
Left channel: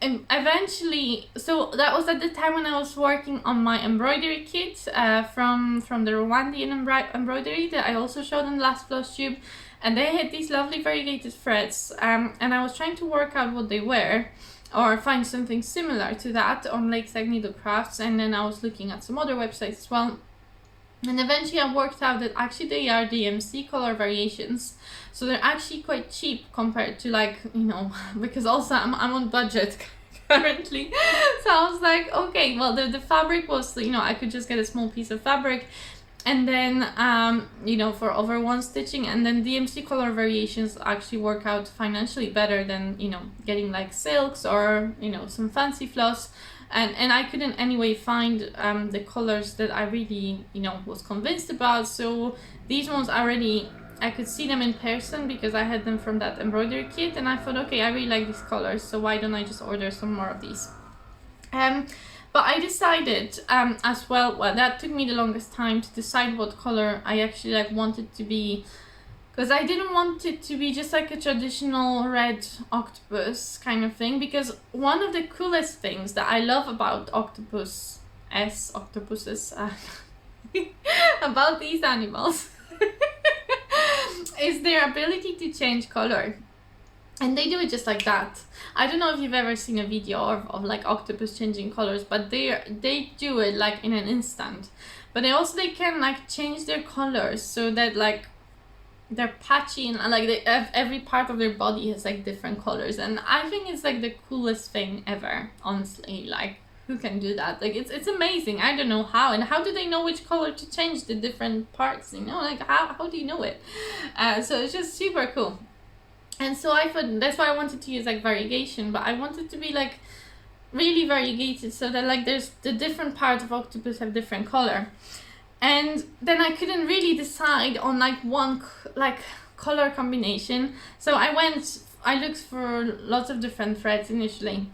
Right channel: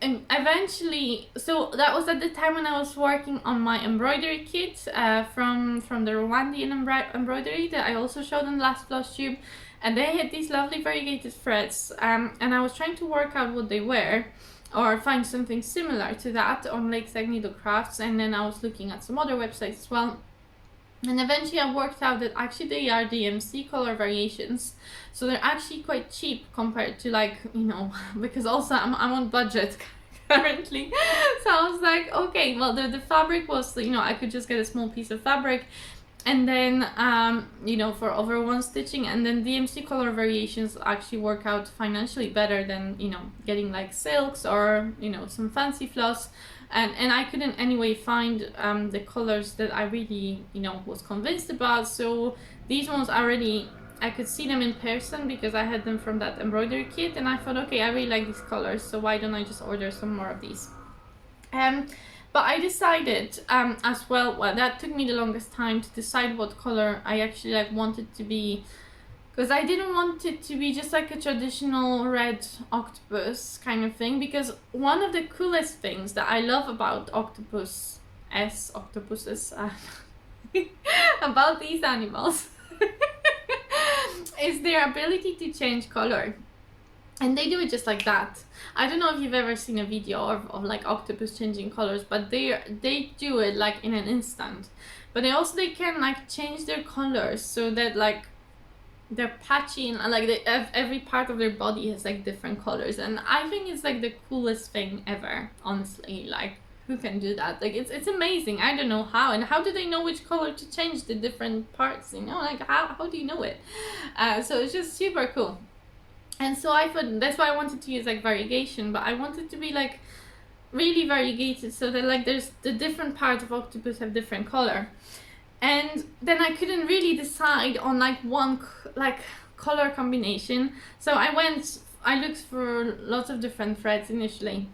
eventually, so that was at the time when I was working on my embroidery kit from the Rwandan embroidery that I also showed in the last Flosstube, and they had these lovely variegated threads, and I was trying to work out what they were, or find something similar to that on Lakeside Needlecrafts, and then I was looking at some other websites as well. And eventually I worked out that actually they are DMC color variations, so they're actually quite cheap compared to, like, you know, because also I'm on budget currently. So I was like, okay, well the fabric was, you know, I could just get a small piece of fabric and then you know, for over 1 stitching, and then DMC color variations actually work out financially better than, you know, getting like silks or, you know, some fancy floss. And I couldn't anyway find the colors that I really, you know, was convinced about. So these ones already, I could see them in person because I had them from that embroidery kit, and I thought, okay, I really like these colors, so why don't I just order some more of these? But I decided as well, that took me the longest time to decide what color I actually like wanted to be, because I didn't want it to be just like a traditional red octopus kind of thing, because one of the coolest things that I love about octopuses about these animals is their ability to change color. And they do it just like that. I don't know if you've ever seen a video of like octopus changing colors, but they do it like in an instant. But they can like change their colors so that like they're patchy, and like every part of their body has like different colors, and I think it's like the coolest thing ever, honestly. Like, who can do that? Like, it's amazing. I don't know how, and how do they know which color to change the different parts, you know, like how do you know it? So it's just super cool. And so I thought that's why I wanted to use like variegation, but I wanted to be like really variegated so that like there's the different parts of octopus have different color. And then I couldn't really decide on like one like color combination, so I looked for lots of different threads initially,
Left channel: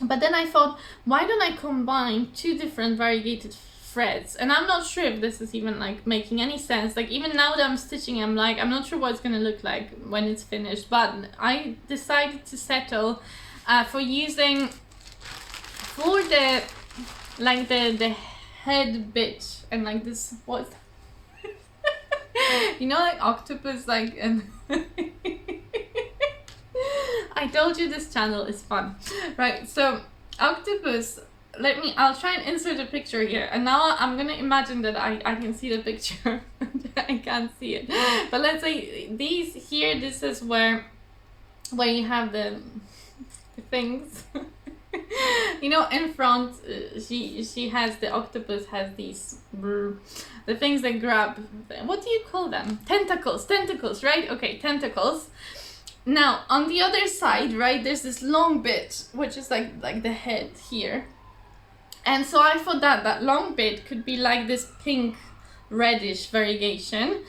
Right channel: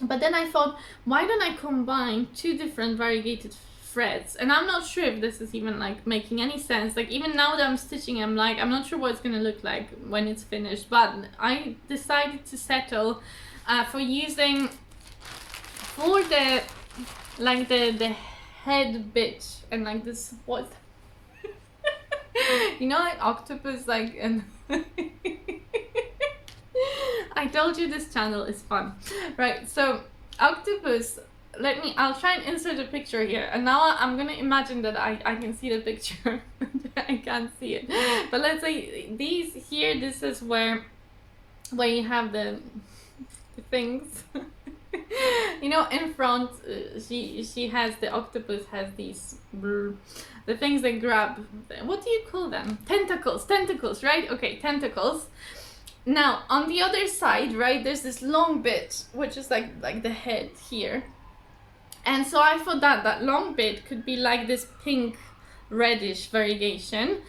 but then I thought, why don't I combine 2 different variegated threads? And I'm not sure if this is even like making any sense. Like, even now that I'm stitching, I'm not sure what it's gonna look like when it's finished, but I decided to settle for using for the like the head bit, and like this, what you know, like octopus, like, and I told you this channel is fun, right? So octopus, I'll try and insert a picture here, and now I'm gonna imagine that I can see the picture. I can't see it, but let's say these here, this is where you have the things. You know, in front, she has, the octopus has these the things that grab, what do you call them? Tentacles, right? Okay, tentacles. Now on the other side, right, there's this long bit which is like the head here, and so I thought that long bit could be like this pink reddish variegation,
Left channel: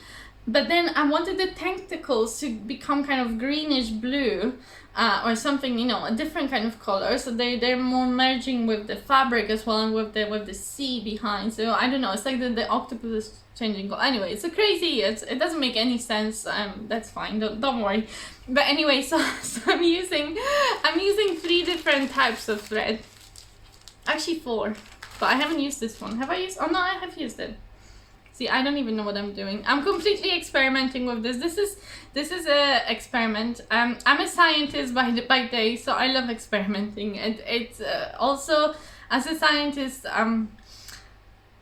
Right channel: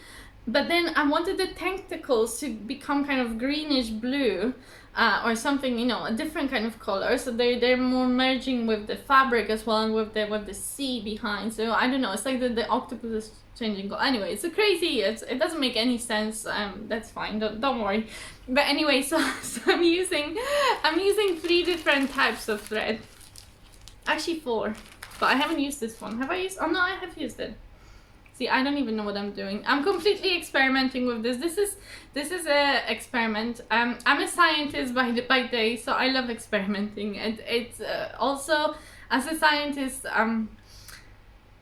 but then I wanted the tentacles to become kind of greenish blue, or something, you know, a different kind of color, so they're more merging with the fabric as well, and with the sea behind. So I don't know, it's like the octopus is changing color. Anyway, it's so crazy, it doesn't make any sense. That's fine, don't worry. But anyway, so I'm using 3 different types of thread, actually 4, but I haven't used this one. Have I used? Oh no, I have used it. See, I don't even know what I'm doing. I'm completely experimenting with this. This is a experiment. I'm a scientist by day, so I love experimenting. It's also, as a scientist,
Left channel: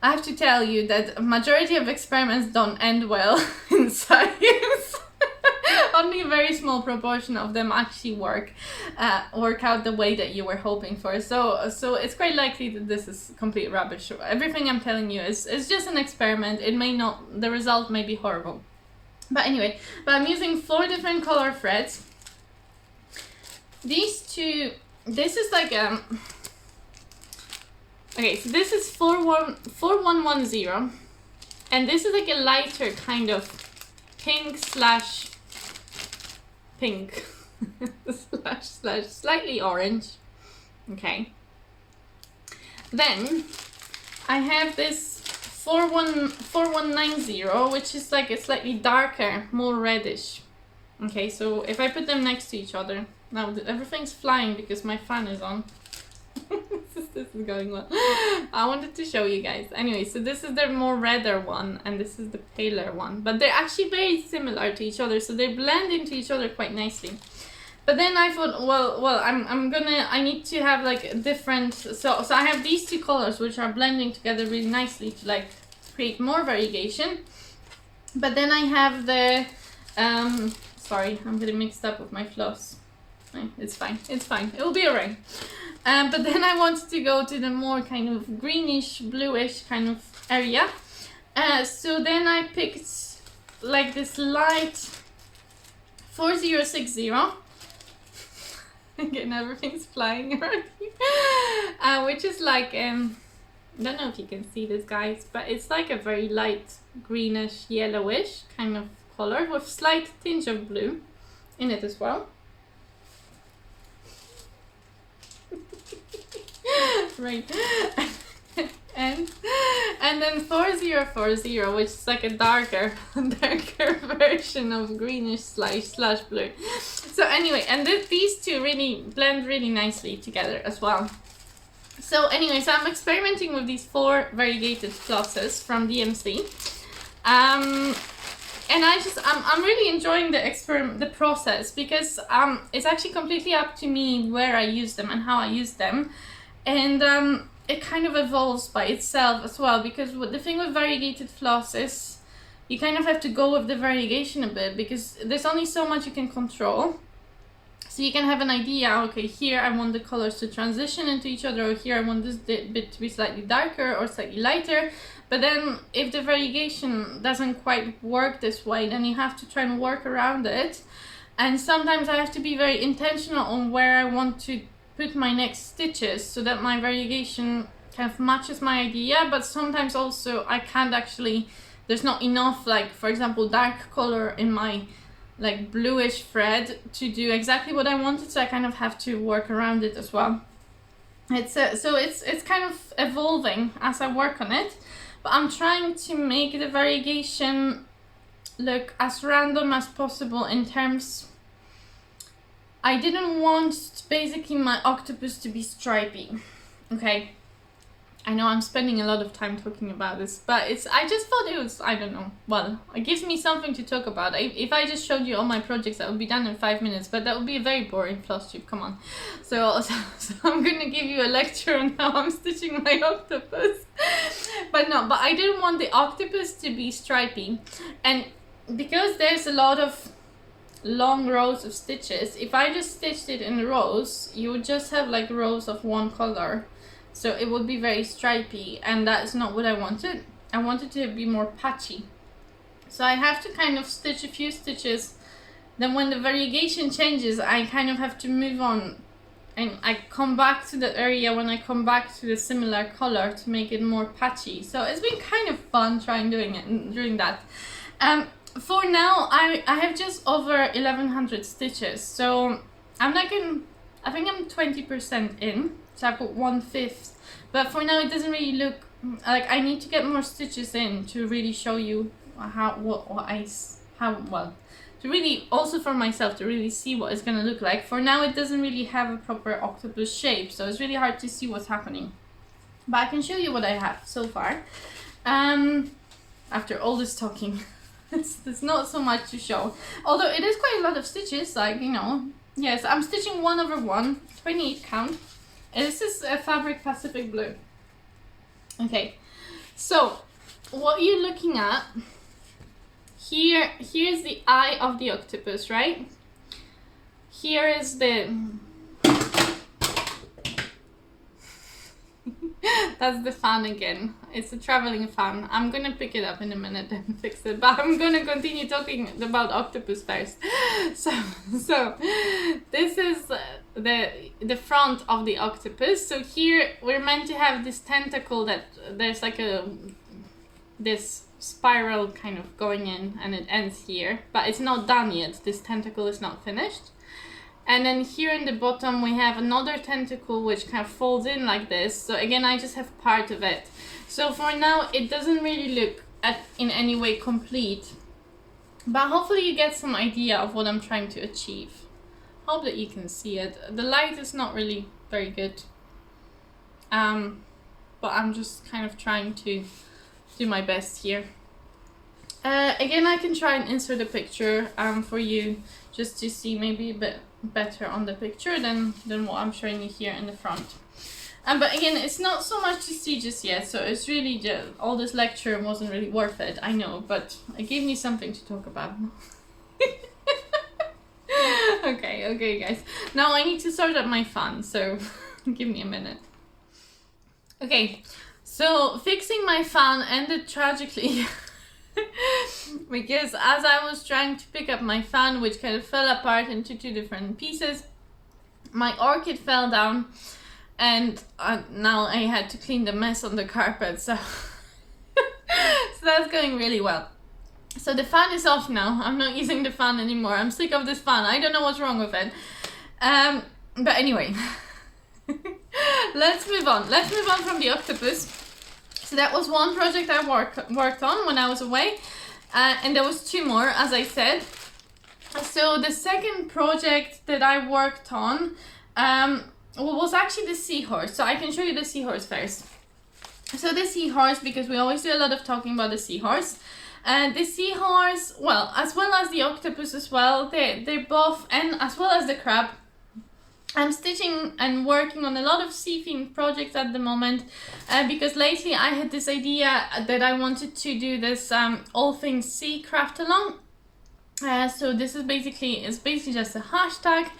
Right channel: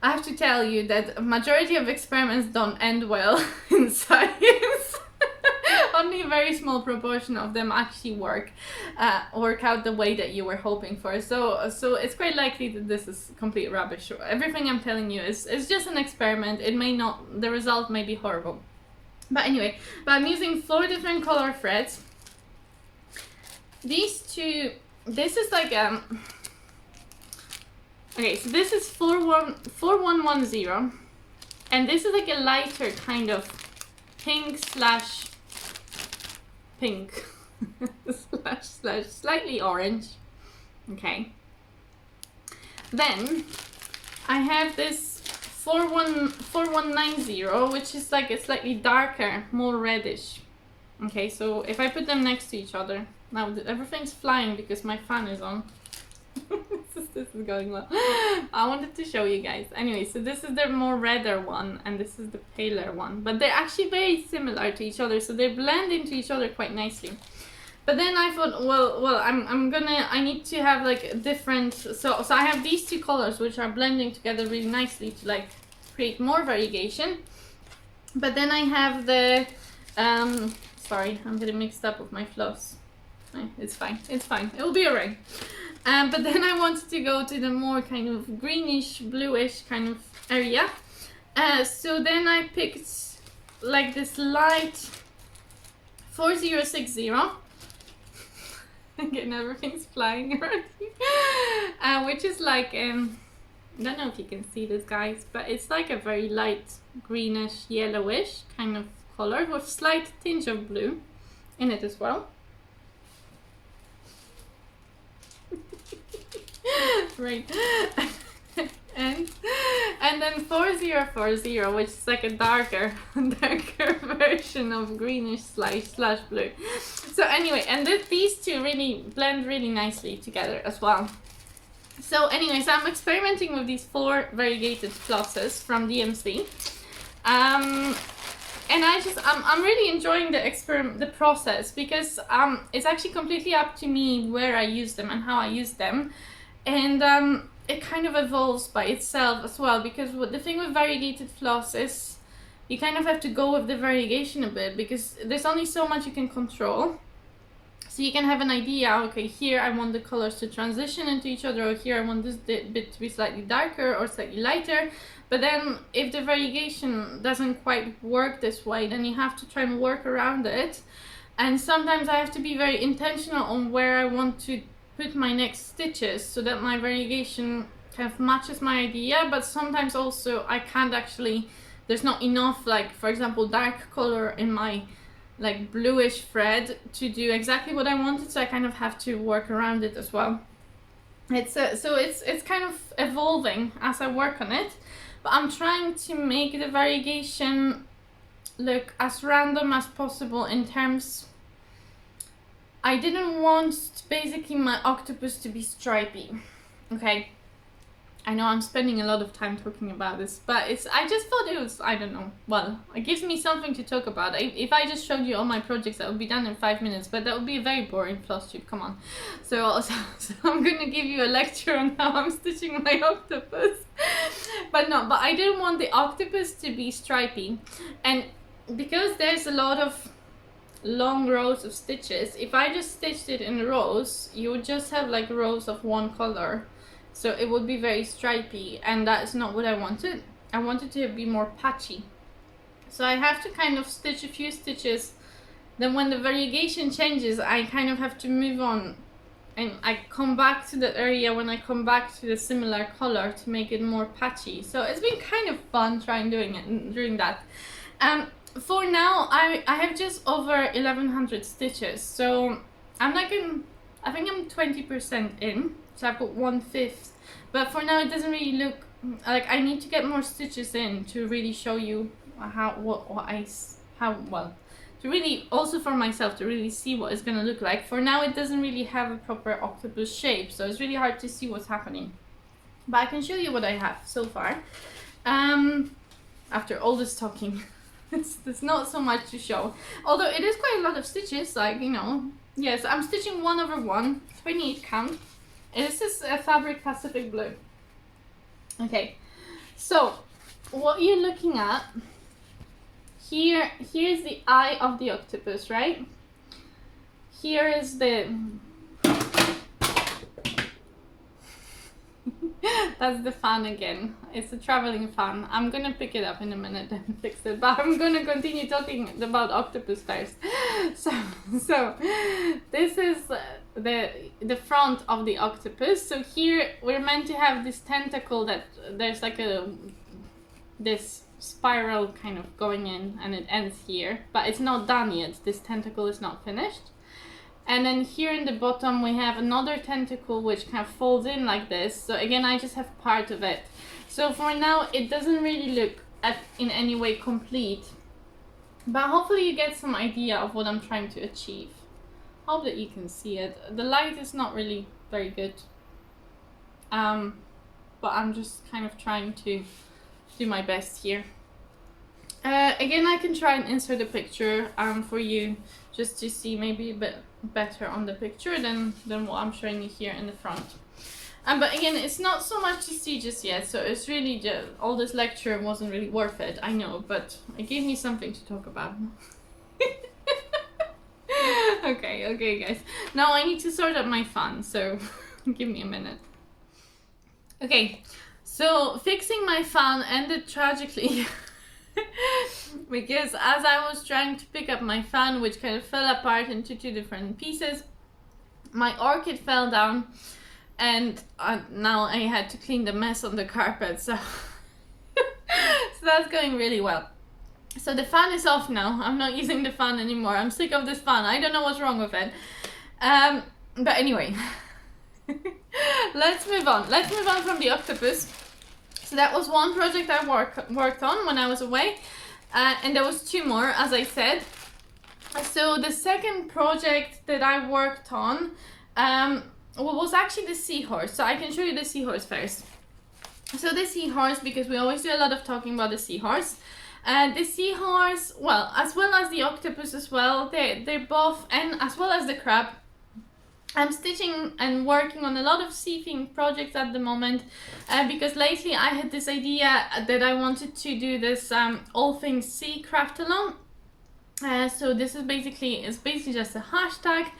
I have to tell you that a majority of experiments don't end well in science. Only a very small proportion of them actually work out the way that you were hoping for. So it's quite likely that this is complete rubbish. Everything I'm telling you is just an experiment. It may not, the result may be horrible. But anyway, I'm using 4 different color threads. These two, this is like okay, so this is 4110, and this is like a lighter kind of pink slash slash slightly orange. Okay. Then I have this 4190, which is like a slightly darker, more reddish. Okay, so if I put them next to each other, now everything's flying because my fan is on. This is going well. I wanted to show you guys. Anyway, so this is the more redder one and this is the paler one, but they're actually very similar to each other, so they blend into each other quite nicely. But then I thought, well, I need to have like a different, so I have these 2 colors which are blending together really nicely to like create more variegation. But then I have the, sorry, I'm getting mixed up with my floss. It's fine, it'll be alright. But then I wanted to go to the more kind of greenish, bluish kind of area. So then I picked like this light 4060. Again, everything's flying around here. Which is like, I don't know if you can see this, guys, but it's like a very light greenish, yellowish kind of color with slight tinge of blue in it as well. Right. and then 4040, which is like a darker version of greenish slash blue. So anyway, and these 2 really blend really nicely together as well. So anyway, so I'm experimenting with these 4 variegated flosses from DMC. And I'm really enjoying the process because it's actually completely up to me where I use them and how I use them. And it kind of evolves by itself as well, because the thing with variegated floss is you kind of have to go with the variegation a bit, because there's only so much you can control. So you can have an idea, okay, here I want the colors to transition into each other, or here I want this bit to be slightly darker or slightly lighter. But then if the variegation doesn't quite work this way, then you have to try and work around it. And sometimes I have to be very intentional on where I want to put my next stitches so that my variegation kind of matches my idea. But sometimes also I can't actually, there's not enough, like for example dark color in my like bluish thread to do exactly what I wanted, so I kind of have to work around it as well. It's so it's kind of evolving as I work on it, but I'm trying to make the variegation look as random as possible in terms, I didn't want basically my octopus to be stripy. Okay, I know I'm spending a lot of time talking about this, but I just thought it was, I don't know, well, it gives me something to talk about. If I just showed you all my projects, that would be done in 5 minutes, but that would be a very boring Flosstube, come on. So I'm gonna give you a lecture on how I'm stitching my octopus. But I didn't want the octopus to be stripy, and because there's a lot of long rows of stitches, if I just stitched it in rows, you would just have like rows of one color. So it would be very stripy, and that's not what I wanted. I wanted to be more patchy. So I have to kind of stitch a few stitches. Then when the variegation changes, I kind of have to move on. And I come back to the area when I come back to the similar color to make it more patchy. So it's been kind of fun doing that. For now, I have just over 1100 stitches. So I'm like I think I'm 20% in. So I put 1/5, but for now it doesn't really look like, I need to get more stitches in to really show you to really, also for myself, to really see what it's gonna look like. For now it doesn't really have a proper octopus shape, so it's really hard to see what's happening, but I can show you what I have so far. After all this talking, there's not so much to show, although it is quite a lot of stitches, like, you know. Yes, I'm stitching 1/1, 28 count. And this is a fabric Pacific Blue. Okay, So what you're looking at here, here's the eye of the octopus, right? Here is the that's the fan again. It's a traveling fan. I'm gonna pick it up in a minute and fix it, but I'm gonna continue talking about octopus first. So this is the front of the octopus. So here we're meant to have this tentacle that there's like this spiral kind of going in, and it ends here, but it's not done yet. This tentacle is not finished. And then here in the bottom we have another tentacle which kind of folds in like this. So again, I just have part of it. So for now it doesn't really look in any way complete, but hopefully you get some idea of what I'm trying to achieve. Hope that you can see it. The light is not really very good, but I'm just kind of trying to do my best here. Again, I can try and insert a picture for you just to see maybe a bit better on the picture than what I'm showing you here in the front. But again, it's not so much to see just yet, so it's really all this lecture wasn't really worth it, I know, but it gave me something to talk about. Okay guys, now I need to sort out my fan, so give me a minute. Okay, so fixing my fan ended tragically because as I was trying to pick up my fan, which kind of fell apart into two different pieces, my orchid fell down, and now I had to clean the mess on the carpet, so so that's going really well. So the fan is off now. I'm not using the fan anymore. I'm sick of this fan. I don't know what's wrong with it. But anyway, let's move on. Let's move on from the octopus. So that was one project I worked on when I was away, and there was two more, as I said. So the second project that I worked on was actually the seahorse. So I can show you the seahorse first. So the seahorse, because we always do a lot of talking about the seahorse. And the seahorse, well, as well as the octopus as well, they're both, and as well as the crab. I'm stitching and working on a lot of sea themed projects at the moment, because lately I had this idea that I wanted to do this all things sea craft along. So this is basically just a hashtag.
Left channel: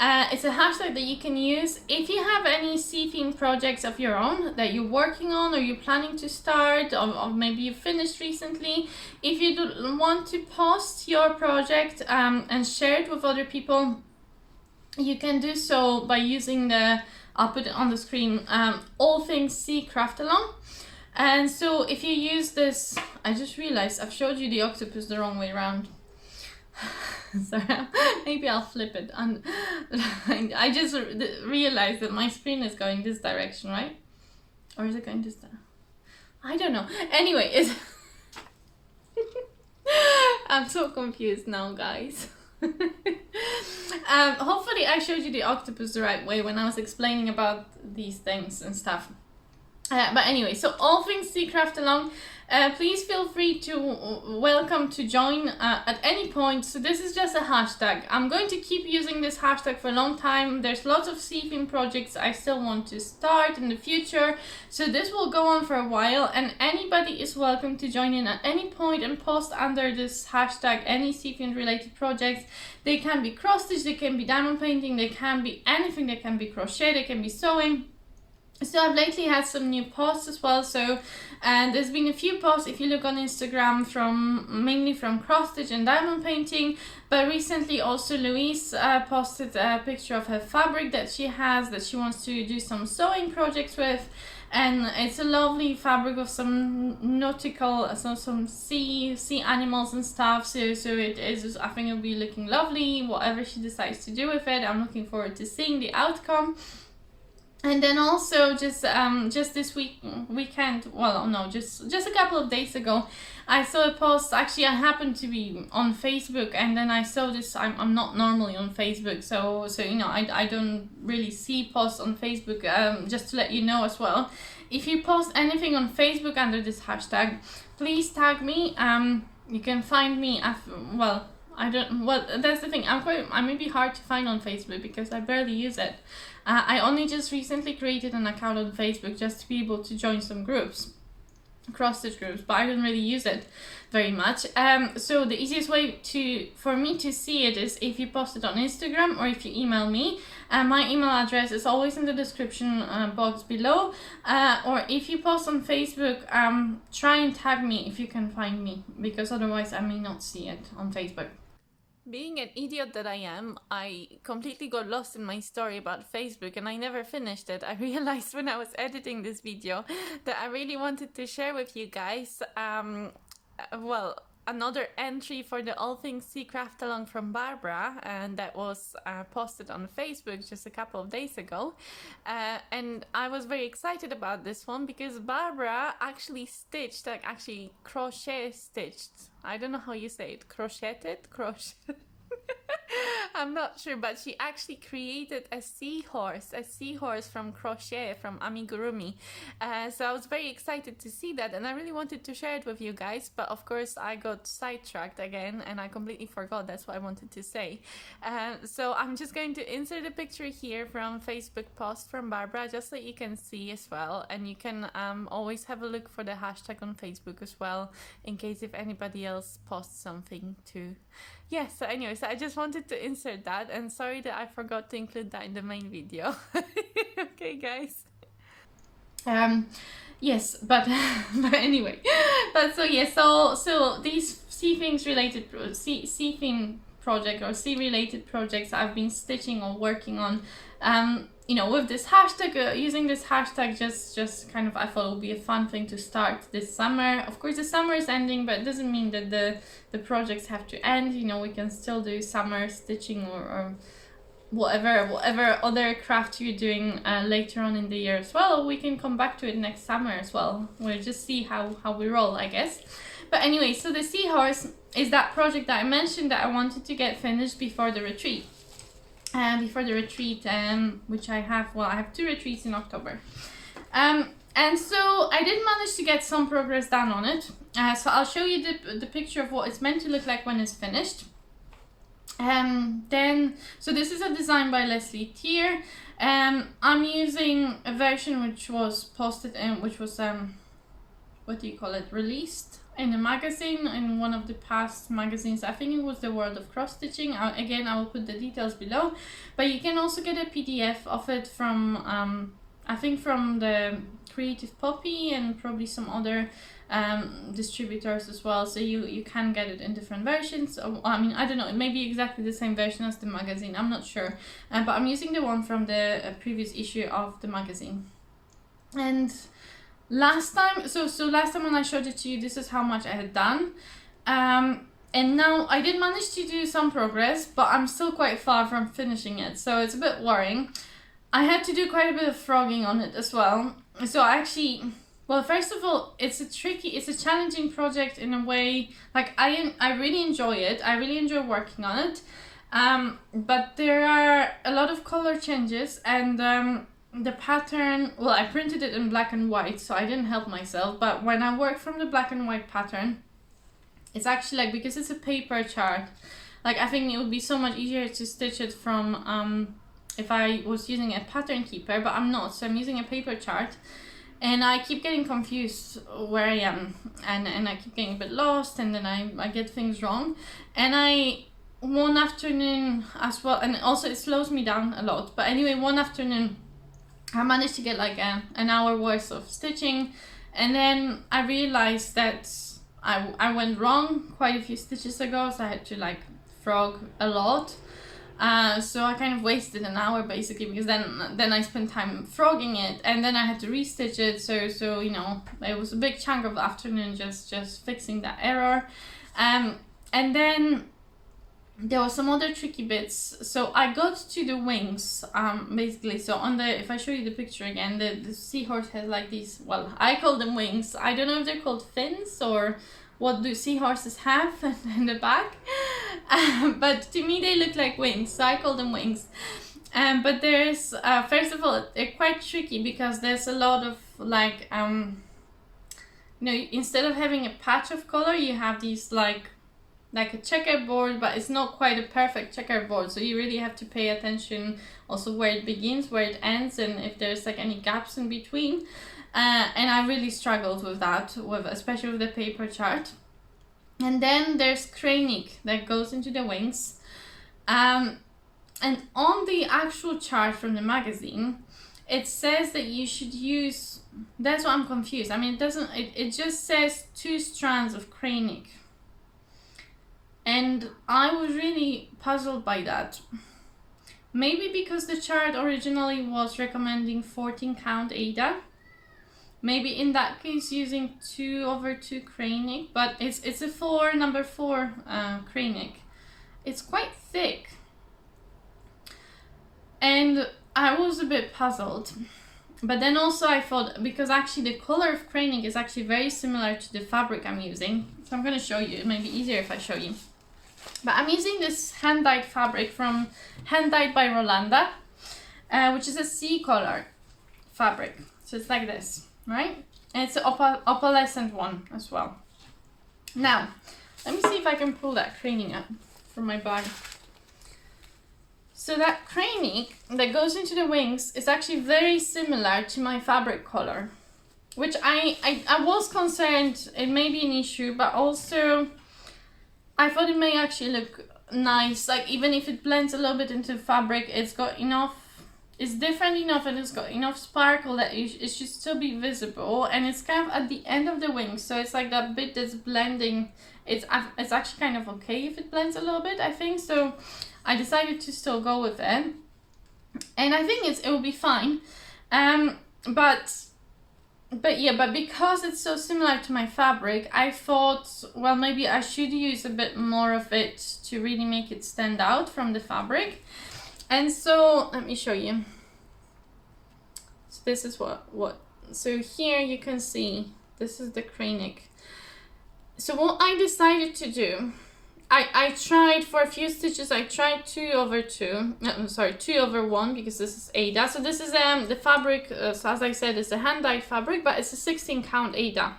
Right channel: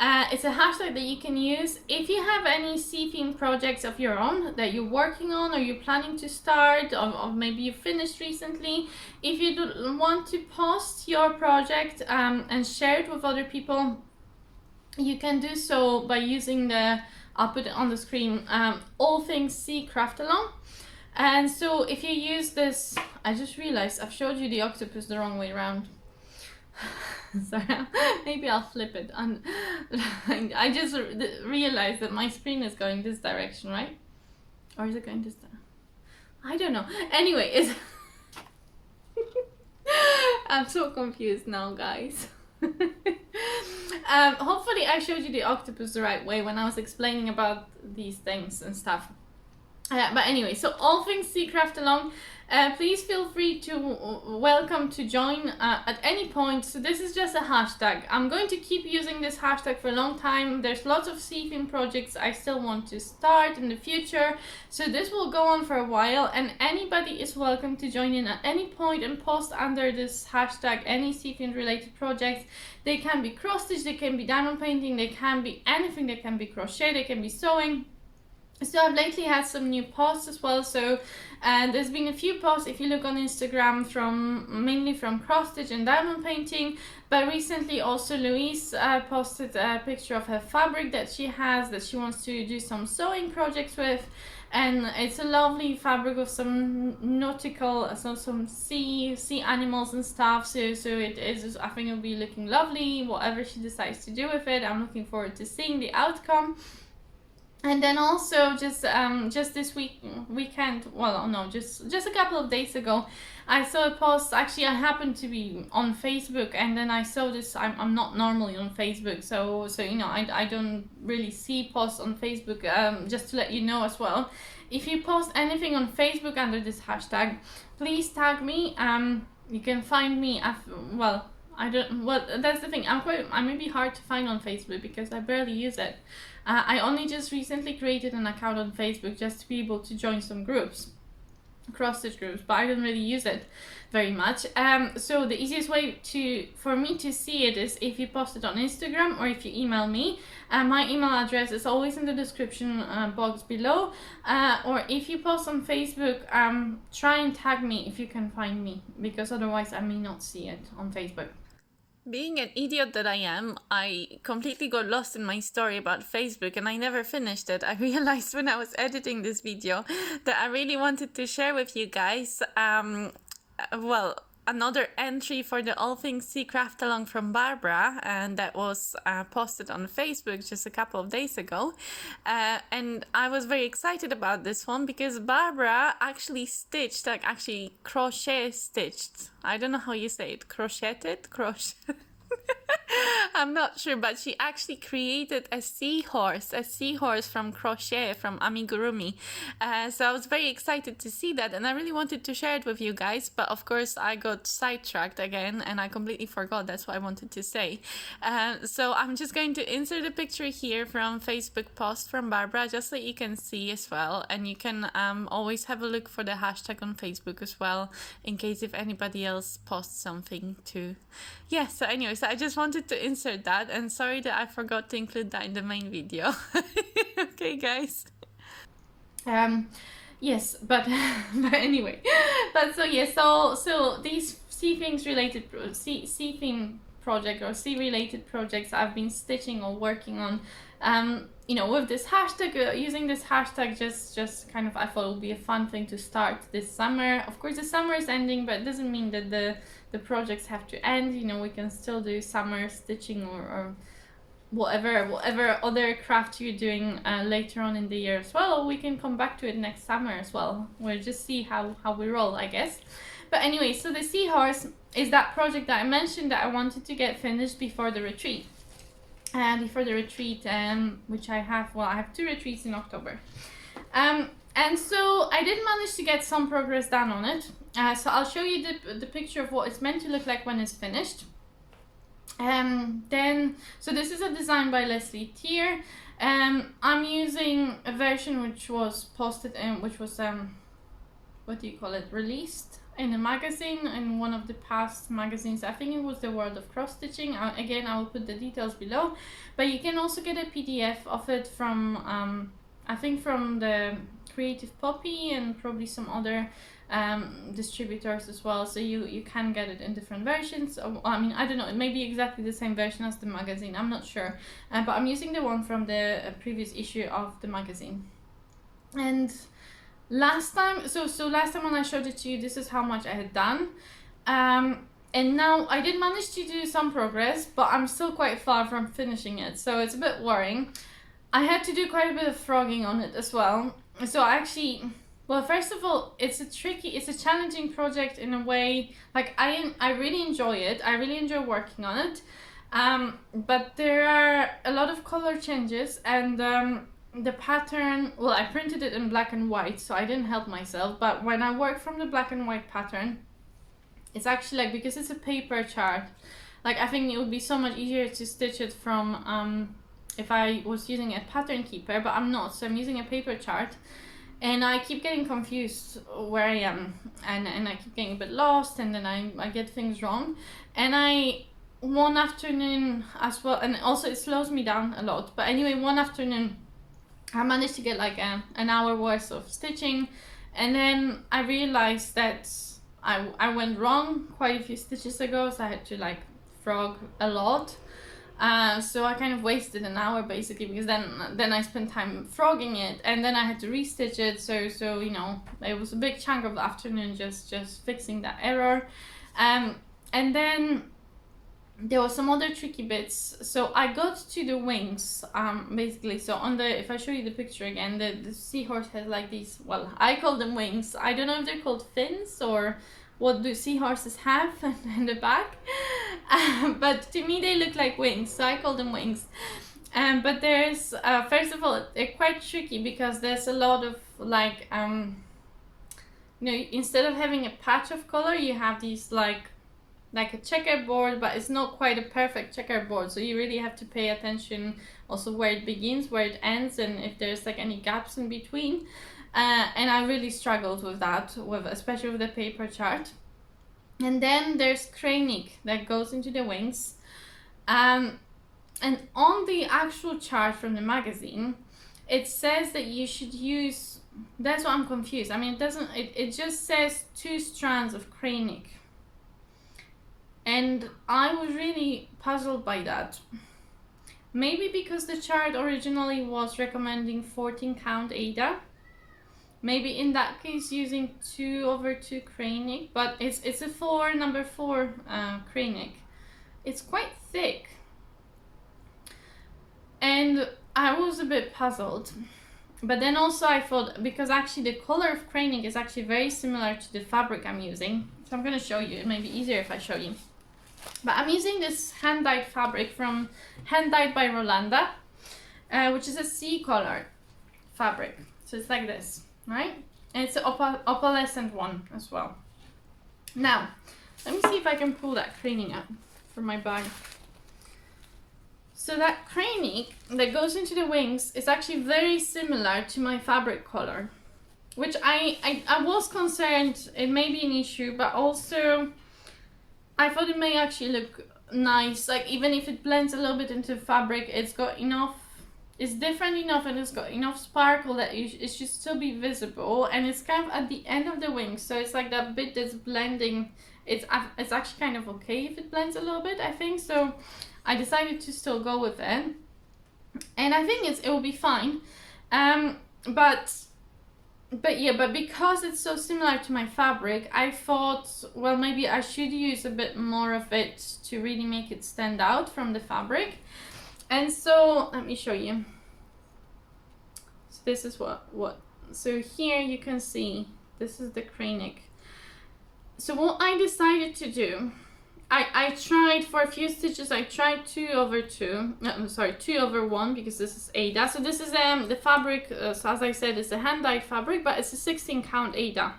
It's a hashtag that you can use if you have any sea themed projects of your own that you're working on, or you're planning to start, or maybe you finished recently. If you do want to post your project and share it with other people, you can do so by using I'll put it on the screen, all things sea craft along. And so if you use this, I just realized I've showed you the octopus the wrong way around. Sorry, maybe I'll flip it. And I just realized that my screen is going this direction, right? Or is it going this direction? I don't know. Anyway, I'm so confused now, guys. Hopefully I showed you the octopus the right way when I was explaining about these things and stuff. But anyway, so all things sea craft along, please feel free to welcome to join at any point. So this is just a hashtag. I'm going to keep using this hashtag for a long time. There's lots of sea theme projects I still want to start in the future, so this will go on for a while, and anybody is welcome to join in at any point and post under this hashtag any sea theme related projects. They can be cross stitch, they can be diamond painting, they can be anything, they can be crochet, they can be sewing. So I've lately had some new posts as well, so there's been a few posts if you look on Instagram mainly from cross stitch and diamond painting, but recently also Louise posted a picture of her fabric that she has that she wants to do some sewing projects with, and it's a lovely fabric with some nautical, so some sea animals and stuff, so it is, I think it'll be looking lovely whatever she decides to do with it. I'm looking forward to seeing the outcome. And then also just this weekend, well no, just a couple of days ago, I saw a post. Actually, I happened to be on Facebook, and then I saw this. I'm not normally on Facebook, so you know, I don't really see posts on Facebook. Just to let you know as well, if you post anything on Facebook under this hashtag, please tag me. You can find me at, well, that's the thing. I may be hard to find on Facebook because I barely use it. I only just recently created an account on Facebook just to be able to join some groups. cross stitch groups, but I don't really use it very much. So the easiest way for me to see it is if you post it on Instagram or if you email me. My email address is always in the description box below, or if you post on Facebook, try and tag me if you can find me, because otherwise I may not see it on Facebook. Being an idiot that I am, I completely got lost in my story about Facebook and I never finished it. I realized when I was editing this video that I really wanted to share with you guys, well, another entry for the All Things Sea Craft Along from Barbara, and that was posted on Facebook just a couple of days ago. And I was very excited about this one because Barbara actually stitched, like actually crochet stitched. I don't know how you say it, crocheted? I'm not sure, but she actually created a seahorse from crochet, from amigurumi. So I was very excited to see that, and I really wanted to share it with you guys, but of course I got sidetracked again and I completely forgot. That's what I wanted to say. So I'm just going to insert a picture here from Facebook post from Barbara, just so you can see as well, and you can always have a look for the hashtag on Facebook as well, in case if anybody else posts something too. Yeah, so anyway, so I just wanted to insert that, and sorry that I forgot to include that in the main video. Okay, guys. Yes, but but anyway, but so yeah, so these sea theme project or sea related projects I've been stitching or working on, you know, with this hashtag, using this hashtag, just kind of, I thought it would be a fun thing to start this summer. Of course, the summer is ending, but it doesn't mean that the projects have to end. You know, we can still do summer stitching or whatever other craft you're doing later on in the year as well, or we can come back to it next summer as well. We'll just see how we roll, I guess. But anyway, so the seahorse is that project that I mentioned that I wanted to get finished before the retreat. Which I have, well, I have 2 retreats in October. And so I did manage to get some progress done on it. So I'll show you the picture of what it's meant to look like when it's finished. So this is a design by Leslie Tier. I'm using a version which was posted in, which was what do you call it, released in a magazine, in one of the past magazines. I think it was the World of Cross Stitching. Again, I will put the details below, but you can also get a PDF of it from I think from the Creative Poppy and probably some other distributors as well, so you can get it in different versions. I mean, I don't know, it may be exactly the same version as the magazine, I'm not sure, but I'm using the one from the previous issue of the magazine. And last time, so last time when I showed it to you, this is how much I had done, and now I did manage to do some progress, but I'm still quite far from finishing it, so it's a bit worrying. I had to do quite a bit of frogging on it as well, so I actually, well, first of all, it's a challenging project in a way. Like, I really enjoy it. I really enjoy working on it. But there are a lot of color changes, and the pattern, well, I printed it in black and white, so I didn't help myself. But when I work from the black and white pattern, it's actually like, because it's a paper chart, like, I think it would be so much easier to stitch it from if I was using a pattern keeper, but I'm not, so I'm using a paper chart. And I keep getting confused where I am, and I keep getting a bit lost, and then I get things wrong. And one afternoon as well, and also it slows me down a lot, but anyway, one afternoon I managed to get like an hour worth of stitching, and then I realized that I went wrong quite a few stitches ago, so I had to like frog a lot. So I kind of wasted an hour basically, because then I spent time frogging it, and then I had to restitch it. So you know, it was a big chunk of the afternoon just fixing that error. And then there were some other tricky bits. So I got to the wings basically. So on the, if I show you the picture again, the seahorse has like these, well, I call them wings. I don't know if they're called fins or what do seahorses have in the back, but to me they look like wings, so I call them wings. But there's first of all, they're quite tricky because there's a lot of like you know, instead of having a patch of color, you have these like a checkerboard, but it's not quite a perfect checkerboard, so you really have to pay attention also where it begins, where it ends, and if there's like any gaps in between. and I really struggled with that, especially with the paper chart. And then there's crème that goes into the wings, and on the actual chart from the magazine, it says that you should use, that's why I'm confused. I mean, it just says 2 strands of crème, and I was really puzzled by that. Maybe because the chart originally was recommending 14 count Ada. Maybe in that case using 2/2 crème, but it's a number 4 crème. It's quite thick. And I was a bit puzzled. But then also I thought, because actually the color of crème is actually very similar to the fabric I'm using. So I'm going to show you. It may be easier if I show you. But I'm using this hand-dyed fabric from Hand Dyed by Rolanda, which is a sea color fabric. So it's like this, right? And it's an opalescent one as well. Now, let me see if I can pull that crème up from my bag. So that crème that goes into the wings is actually very similar to my fabric color, which I was concerned it may be an issue, but also I thought it may actually look nice. Like, even if it blends a little bit into fabric, it's got enough, it's different enough, and it's got enough sparkle that it should still be visible. And it's kind of at the end of the wing, so it's like that bit that's blending. It's actually kind of okay if it blends a little bit, I think. So I decided to still go with it, and I think it will be fine. But because it's so similar to my fabric, I thought, well, maybe I should use a bit more of it to really make it stand out from the fabric. And so let me show you. So this is so here you can see, this is the crème. So what I decided to do, I tried for a few stitches, I tried 2/1, because this is Ada. So this is the fabric, so as I said, it's a hand-dyed fabric, but it's a 16 count Ada.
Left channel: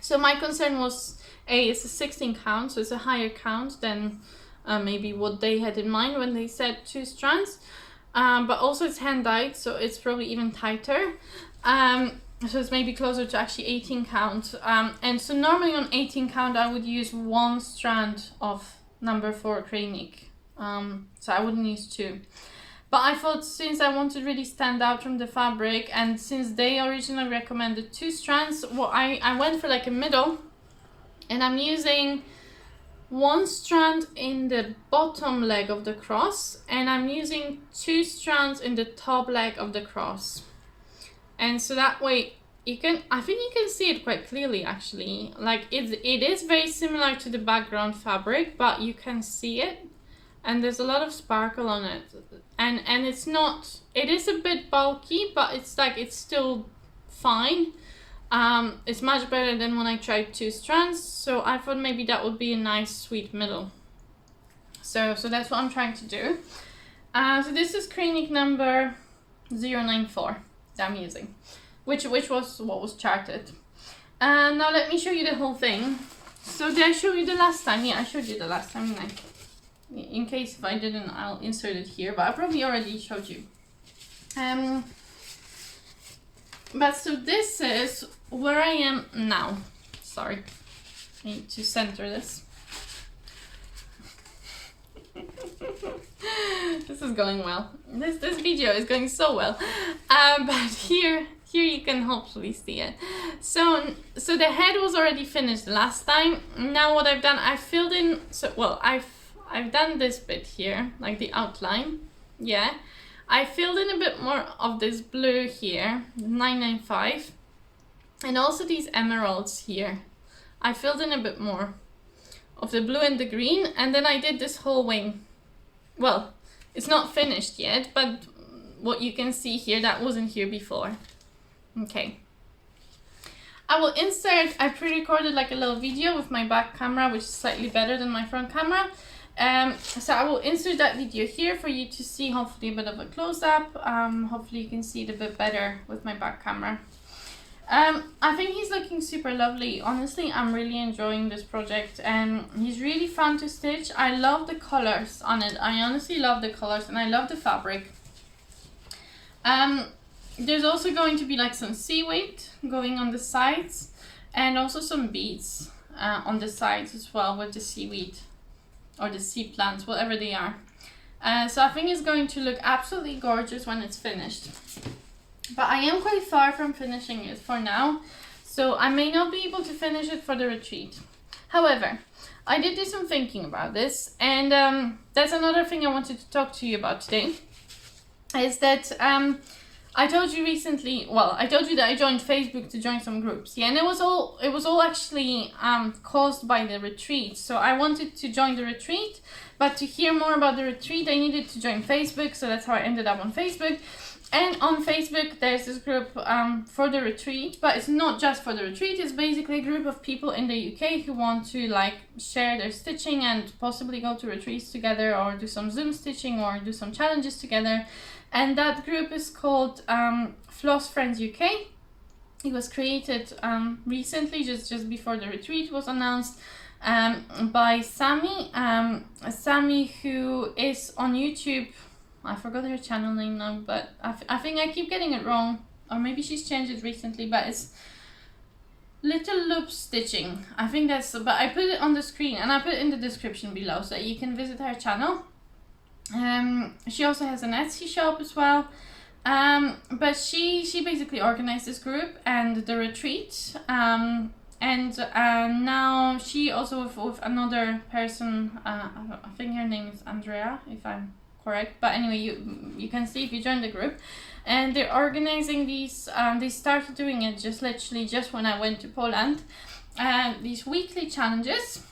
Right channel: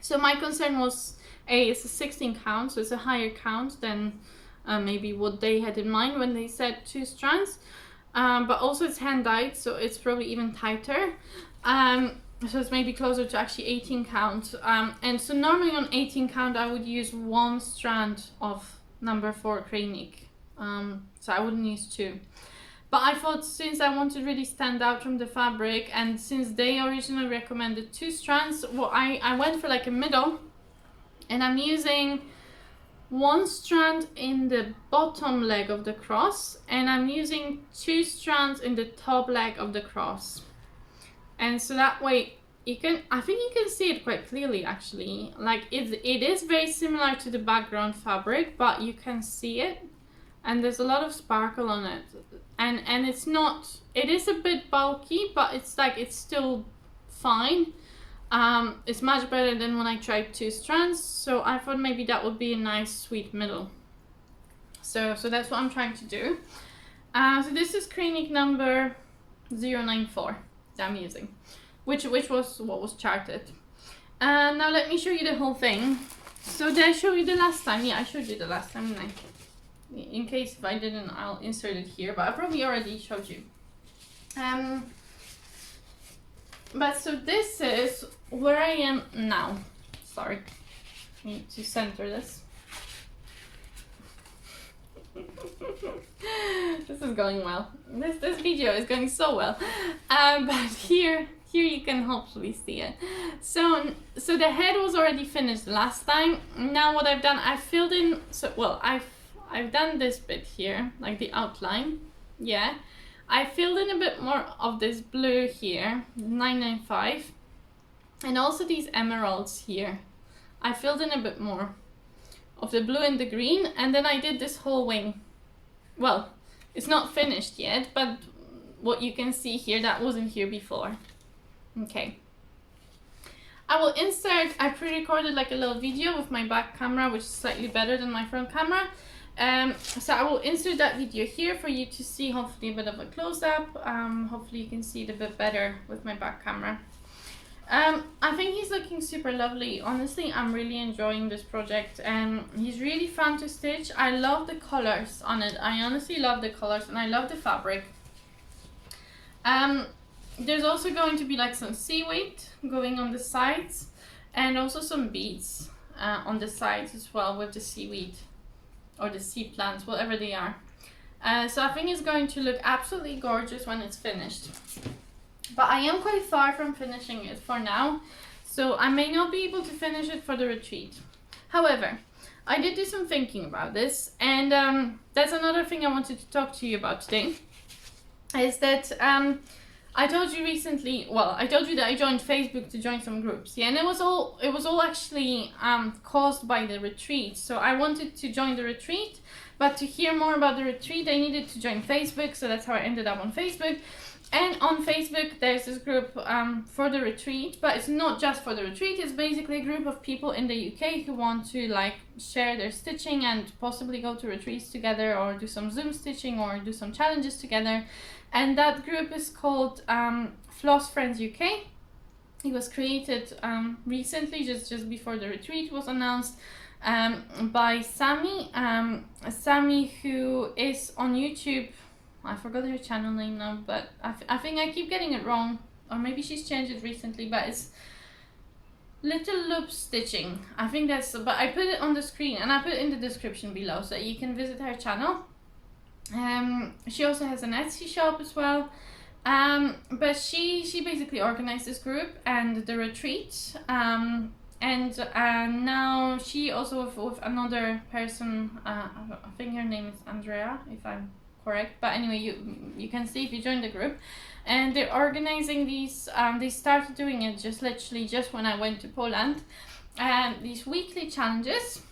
So my concern was, it's a 16 count, so it's a higher count than maybe what they had in mind when they said 2 strands. But also it's hand-dyed, so it's probably even tighter. So it's maybe closer to actually 18 count. And so normally on 18 count I would use 1 strand of number 4 crème. So I wouldn't use 2. But I thought, since I want to really stand out from the fabric, and since they originally recommended 2 strands, well, I went for like a middle, and I'm using 1 strand in the bottom leg of the cross, and I'm using 2 strands in the top leg of the cross. And so that way I think you can see it quite clearly, actually. Like, it is very similar to the background fabric, but you can see it, and there's a lot of sparkle on it. And it is a bit bulky, but it's still fine. It's much better than when I tried 2 strands, so I thought maybe that would be a nice sweet middle. So that's what I'm trying to do. So this is crème number 094 that I'm using, which was what was charted. Now let me show you the whole thing. So did I show you the last time? Yeah, I showed you the last time, didn't I? In case if I didn't, I'll insert it here, but I probably already showed you. But so this is where I am now. Sorry, I need to center this. This is going well. This video is going so well. But here you can hopefully see it. So the head was already finished last time. Now what I've done, I filled in. So well, I've done this bit here, like the outline. Yeah, I filled in a bit more of this blue here, 995, and also these emeralds here. I filled in a bit more of the blue and the green, and then I did this whole wing. Well, it's not finished yet, but what you can see here, that wasn't here before. Okay. I will insert, I pre-recorded like a little video with my back camera, which is slightly better than my front camera. So I will insert that video here for you to see, hopefully a bit of a close-up. Hopefully you can see it a bit better with my back camera. I think he's looking super lovely. Honestly, I'm really enjoying this project, and he's really fun to stitch. I love the colors on it. I honestly love the colors, and I love the fabric. there's also going to be like some seaweed going on the sides, and also some beads on the sides as well with the seaweed or the sea plants, whatever they are. So I think it's going to look absolutely gorgeous when it's finished. But I am quite far from finishing it for now, so I may not be able to finish it for the retreat. However, I did do some thinking about this, and that's another thing I wanted to talk to you about today, is that I told you recently, well, I told you that I joined Facebook to join some groups, yeah, and it was all actually caused by the retreat. So I wanted to join the retreat, but to hear more about the retreat, I needed to join Facebook, so that's how I ended up on Facebook. And on Facebook, there's this group for the retreat, but it's not just for the retreat. It's basically a group of people in the UK who want to like share their stitching and possibly go to retreats together, or do some Zoom stitching, or do some challenges together. And that group is called Floss Friends UK. It was created recently, just before the retreat was announced, by Sammy. Sammy, who is on YouTube. I forgot her channel name now, but I think I keep getting it wrong, or maybe she's changed it recently, but it's Little Loop Stitching. I think that's, but I put it on the screen and I put it in the description below, so you can visit her channel. She also has an Etsy shop as well, but she basically organized this group and the retreat, and now she also with another person, I think her name is Andrea, if I'm correct, but anyway, you can see if you join the group, and they're organizing these, they started doing it just literally just when I went to Poland, these weekly challenges.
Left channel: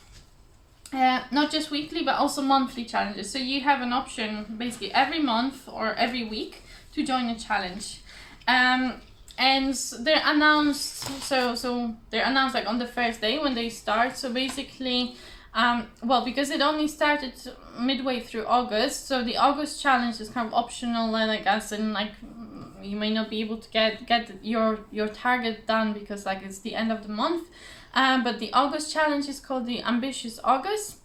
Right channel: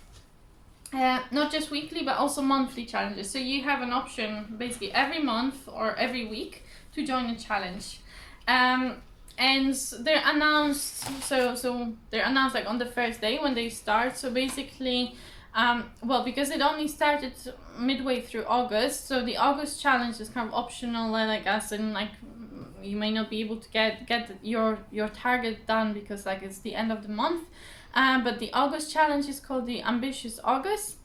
Not just weekly, but also monthly challenges. So you have an option basically every month or every week to join a challenge. And they're announced, so they're announced like on the first day when they start. So basically, well, because it only started midway through August, so the August challenge is kind of optional, like as in like you may not be able to get your target done because like it's the end of the month. But the August challenge is called the Ambitious August,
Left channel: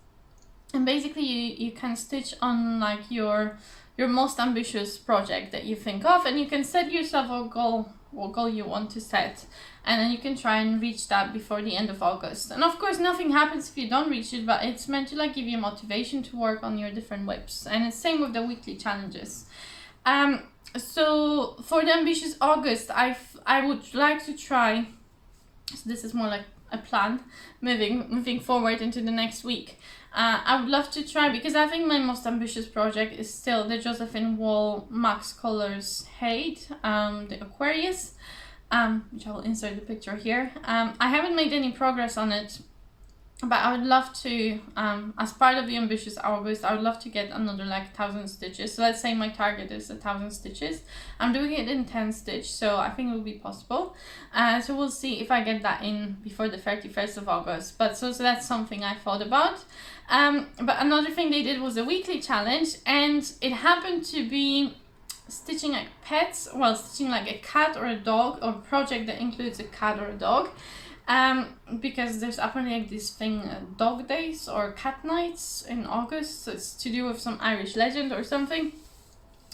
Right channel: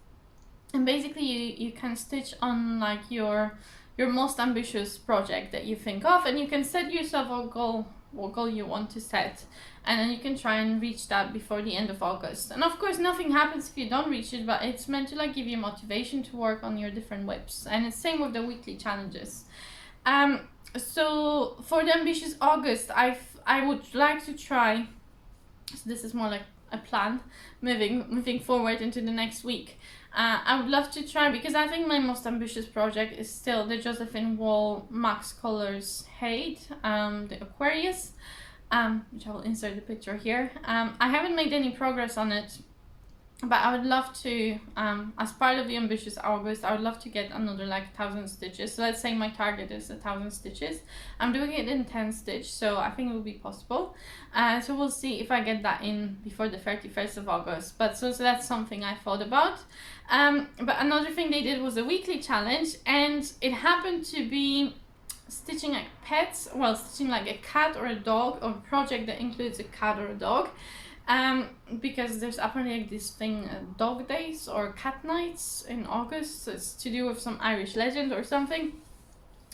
and basically you can stitch on like your most ambitious project that you think of, and you can set yourself a goal, what goal you want to set, and then you can try and reach that before the end of August. And of course nothing happens if you don't reach it, but it's meant to like give you motivation to work on your different whips, and it's same with the weekly challenges. So for the Ambitious August, I would like to try, so this is more like a plan moving forward into the next week. I would love to try, because I think my most ambitious project is still the Josephine Wall Max Colors Hade, the Aquarius, which I will insert the picture here. I haven't made any progress on it, but I would love to, as part of the Ambitious August, I would love to get another like 1,000 stitches. So let's say my target is 1,000 stitches. I'm doing it in 10 stitch, so I think it will be possible. So we'll see if I get that in before the 31st of August. But so that's something I thought about. But another thing they did was a weekly challenge, and it happened to be stitching like pets, well, stitching like a cat or a dog, or a project that includes a cat or a dog. Because there's apparently like this thing, dog days or cat nights in August, so it's to do with some Irish legend or something.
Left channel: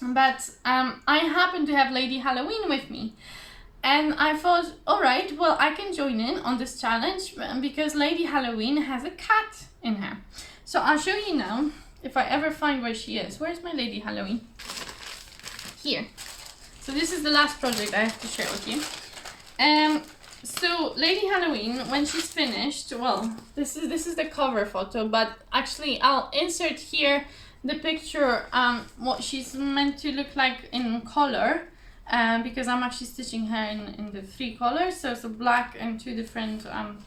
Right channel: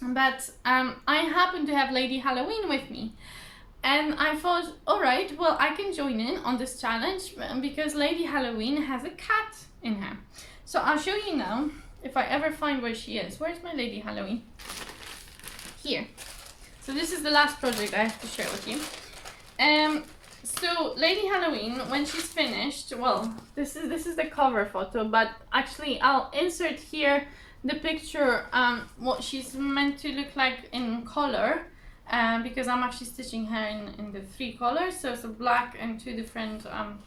But I happen to have Lady Halloween with me, and I thought, all right, well, I can join in on this challenge because Lady Halloween has a cat in her. So I'll show you now, if I ever find where she is. Where's my Lady Halloween? Here. So this is the last project I have to share with you. So Lady Halloween, when she's finished, well, this is the cover photo, but actually I'll insert here the picture, what she's meant to look like in color, because I'm actually stitching her in the 3 colors, so black and 2 different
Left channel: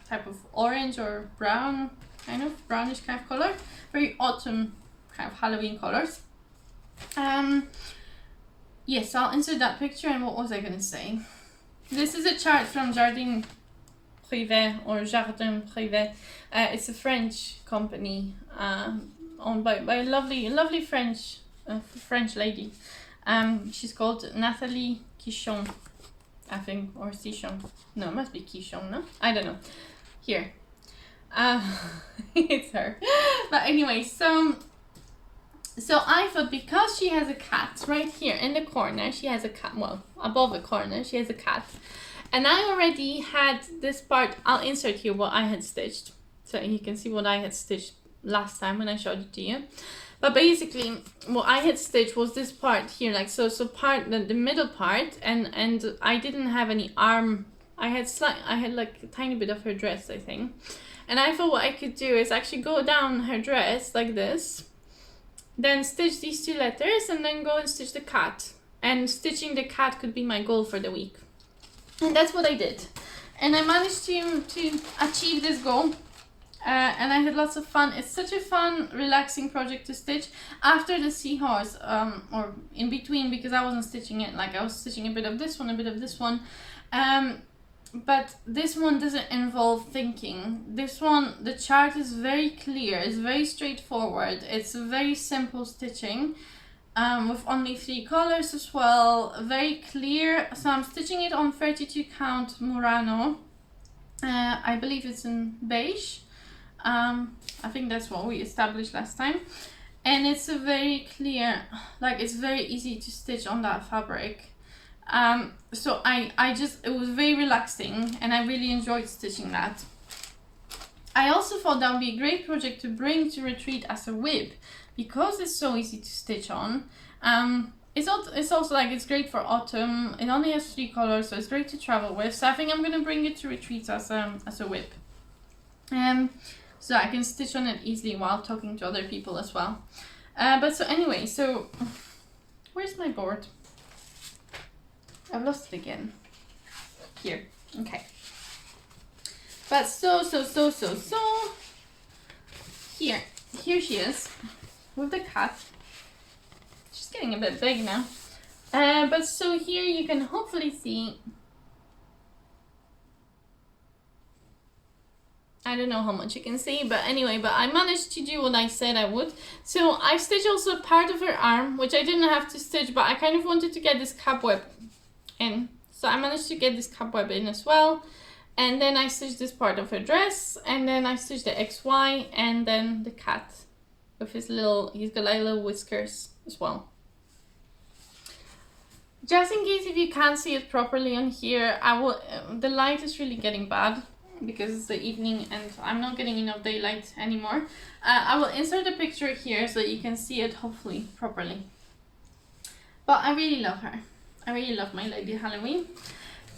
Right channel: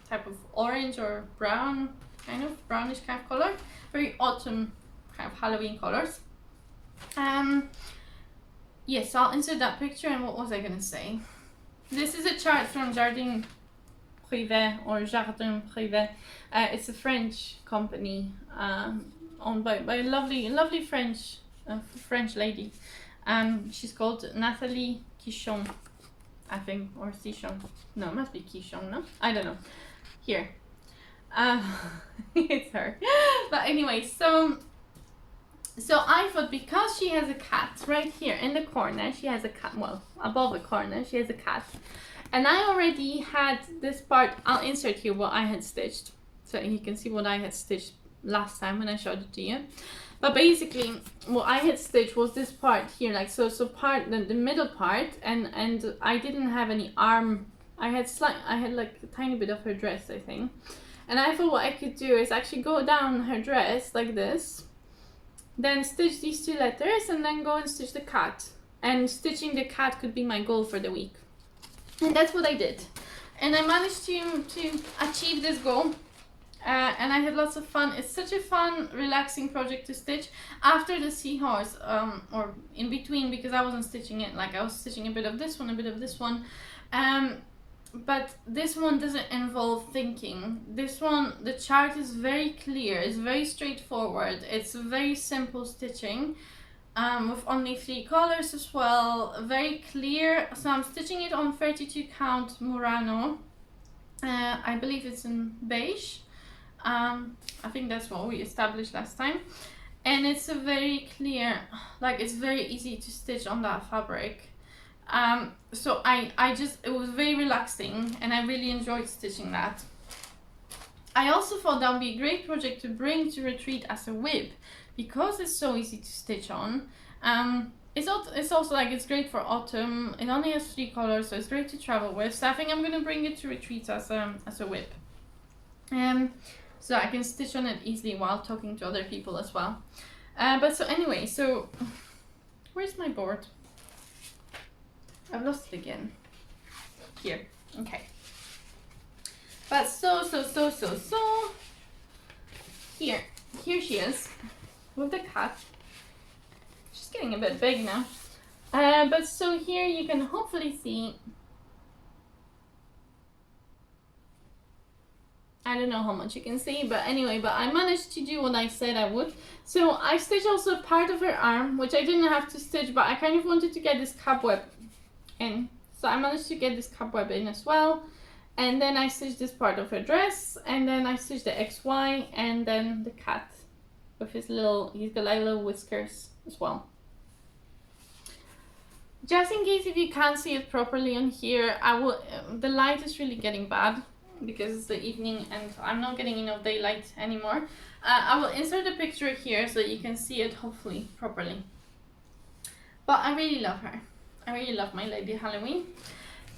type of orange or brown, kind of brownish kind of color, very autumn kind of Halloween colors. Yes, I'll insert that picture. And what was I gonna say? This is a chart from Jardin Privé, or Jardin Privé. It's a French company, owned by a lovely French lady. She's called Nathalie Quichon, I think, or Cichon. No, it must be Quichon, no? I don't know. Here. It's her. But anyway, so So I thought, because she has a cat right here in the corner, she has a cat, well, above the corner, she has a cat. And I already had this part, I'll insert here what I had stitched. So you can see what I had stitched last time when I showed it to you. But basically, what I had stitched was this part here, like so part, the middle part, and I didn't have any arm. I had like a tiny bit of her dress, I think. And I thought what I could do is actually go down her dress like this, then stitch these 2 letters, and then go and stitch the cat. And stitching the cat could be my goal for the week. And that's what I did. And I managed to achieve this goal. And I had lots of fun. It's such a fun, relaxing project to stitch after the seahorse, or in between, because I wasn't stitching it. Like, I was stitching a bit of this one, a bit of this one. But this one doesn't involve thinking. This one, the chart is very clear, it's very straightforward, it's very simple stitching, with only 3 colors as well, very clear. So I'm stitching it on 32 count murano. I believe it's in beige. I think that's what we established last time. And it's a very clear, like, it's very easy to stitch on that fabric. So it was very relaxing, and I really enjoyed stitching that. I also thought that would be a great project to bring to retreat as a whip, because it's so easy to stitch on. It's also like, it's great for autumn. It only has 3 colors, so it's great to travel with. So I think I'm gonna bring it to retreats as a whip. So I can stitch on it easily while talking to other people as well. But so anyway, so where's my board? I've lost it again. Here, okay. But so, here she is, with the cat. She's getting a bit big now. But so here you can hopefully see, I don't know how much you can see, but anyway, but I managed to do what I said I would. So I stitched also part of her arm, which I didn't have to stitch, but I kind of wanted to get this cobweb in. So I managed to get this cobweb in as well. And then I stitched this part of her dress, and then I stitched the XY, and then the cat with his little, he's got like little whiskers as well. Just in case if you can't see it properly on here, the light is really getting bad because it's the evening and I'm not getting enough daylight anymore. I will insert a picture here so you can see it hopefully properly. But I really love her. I really love my Lady Halloween.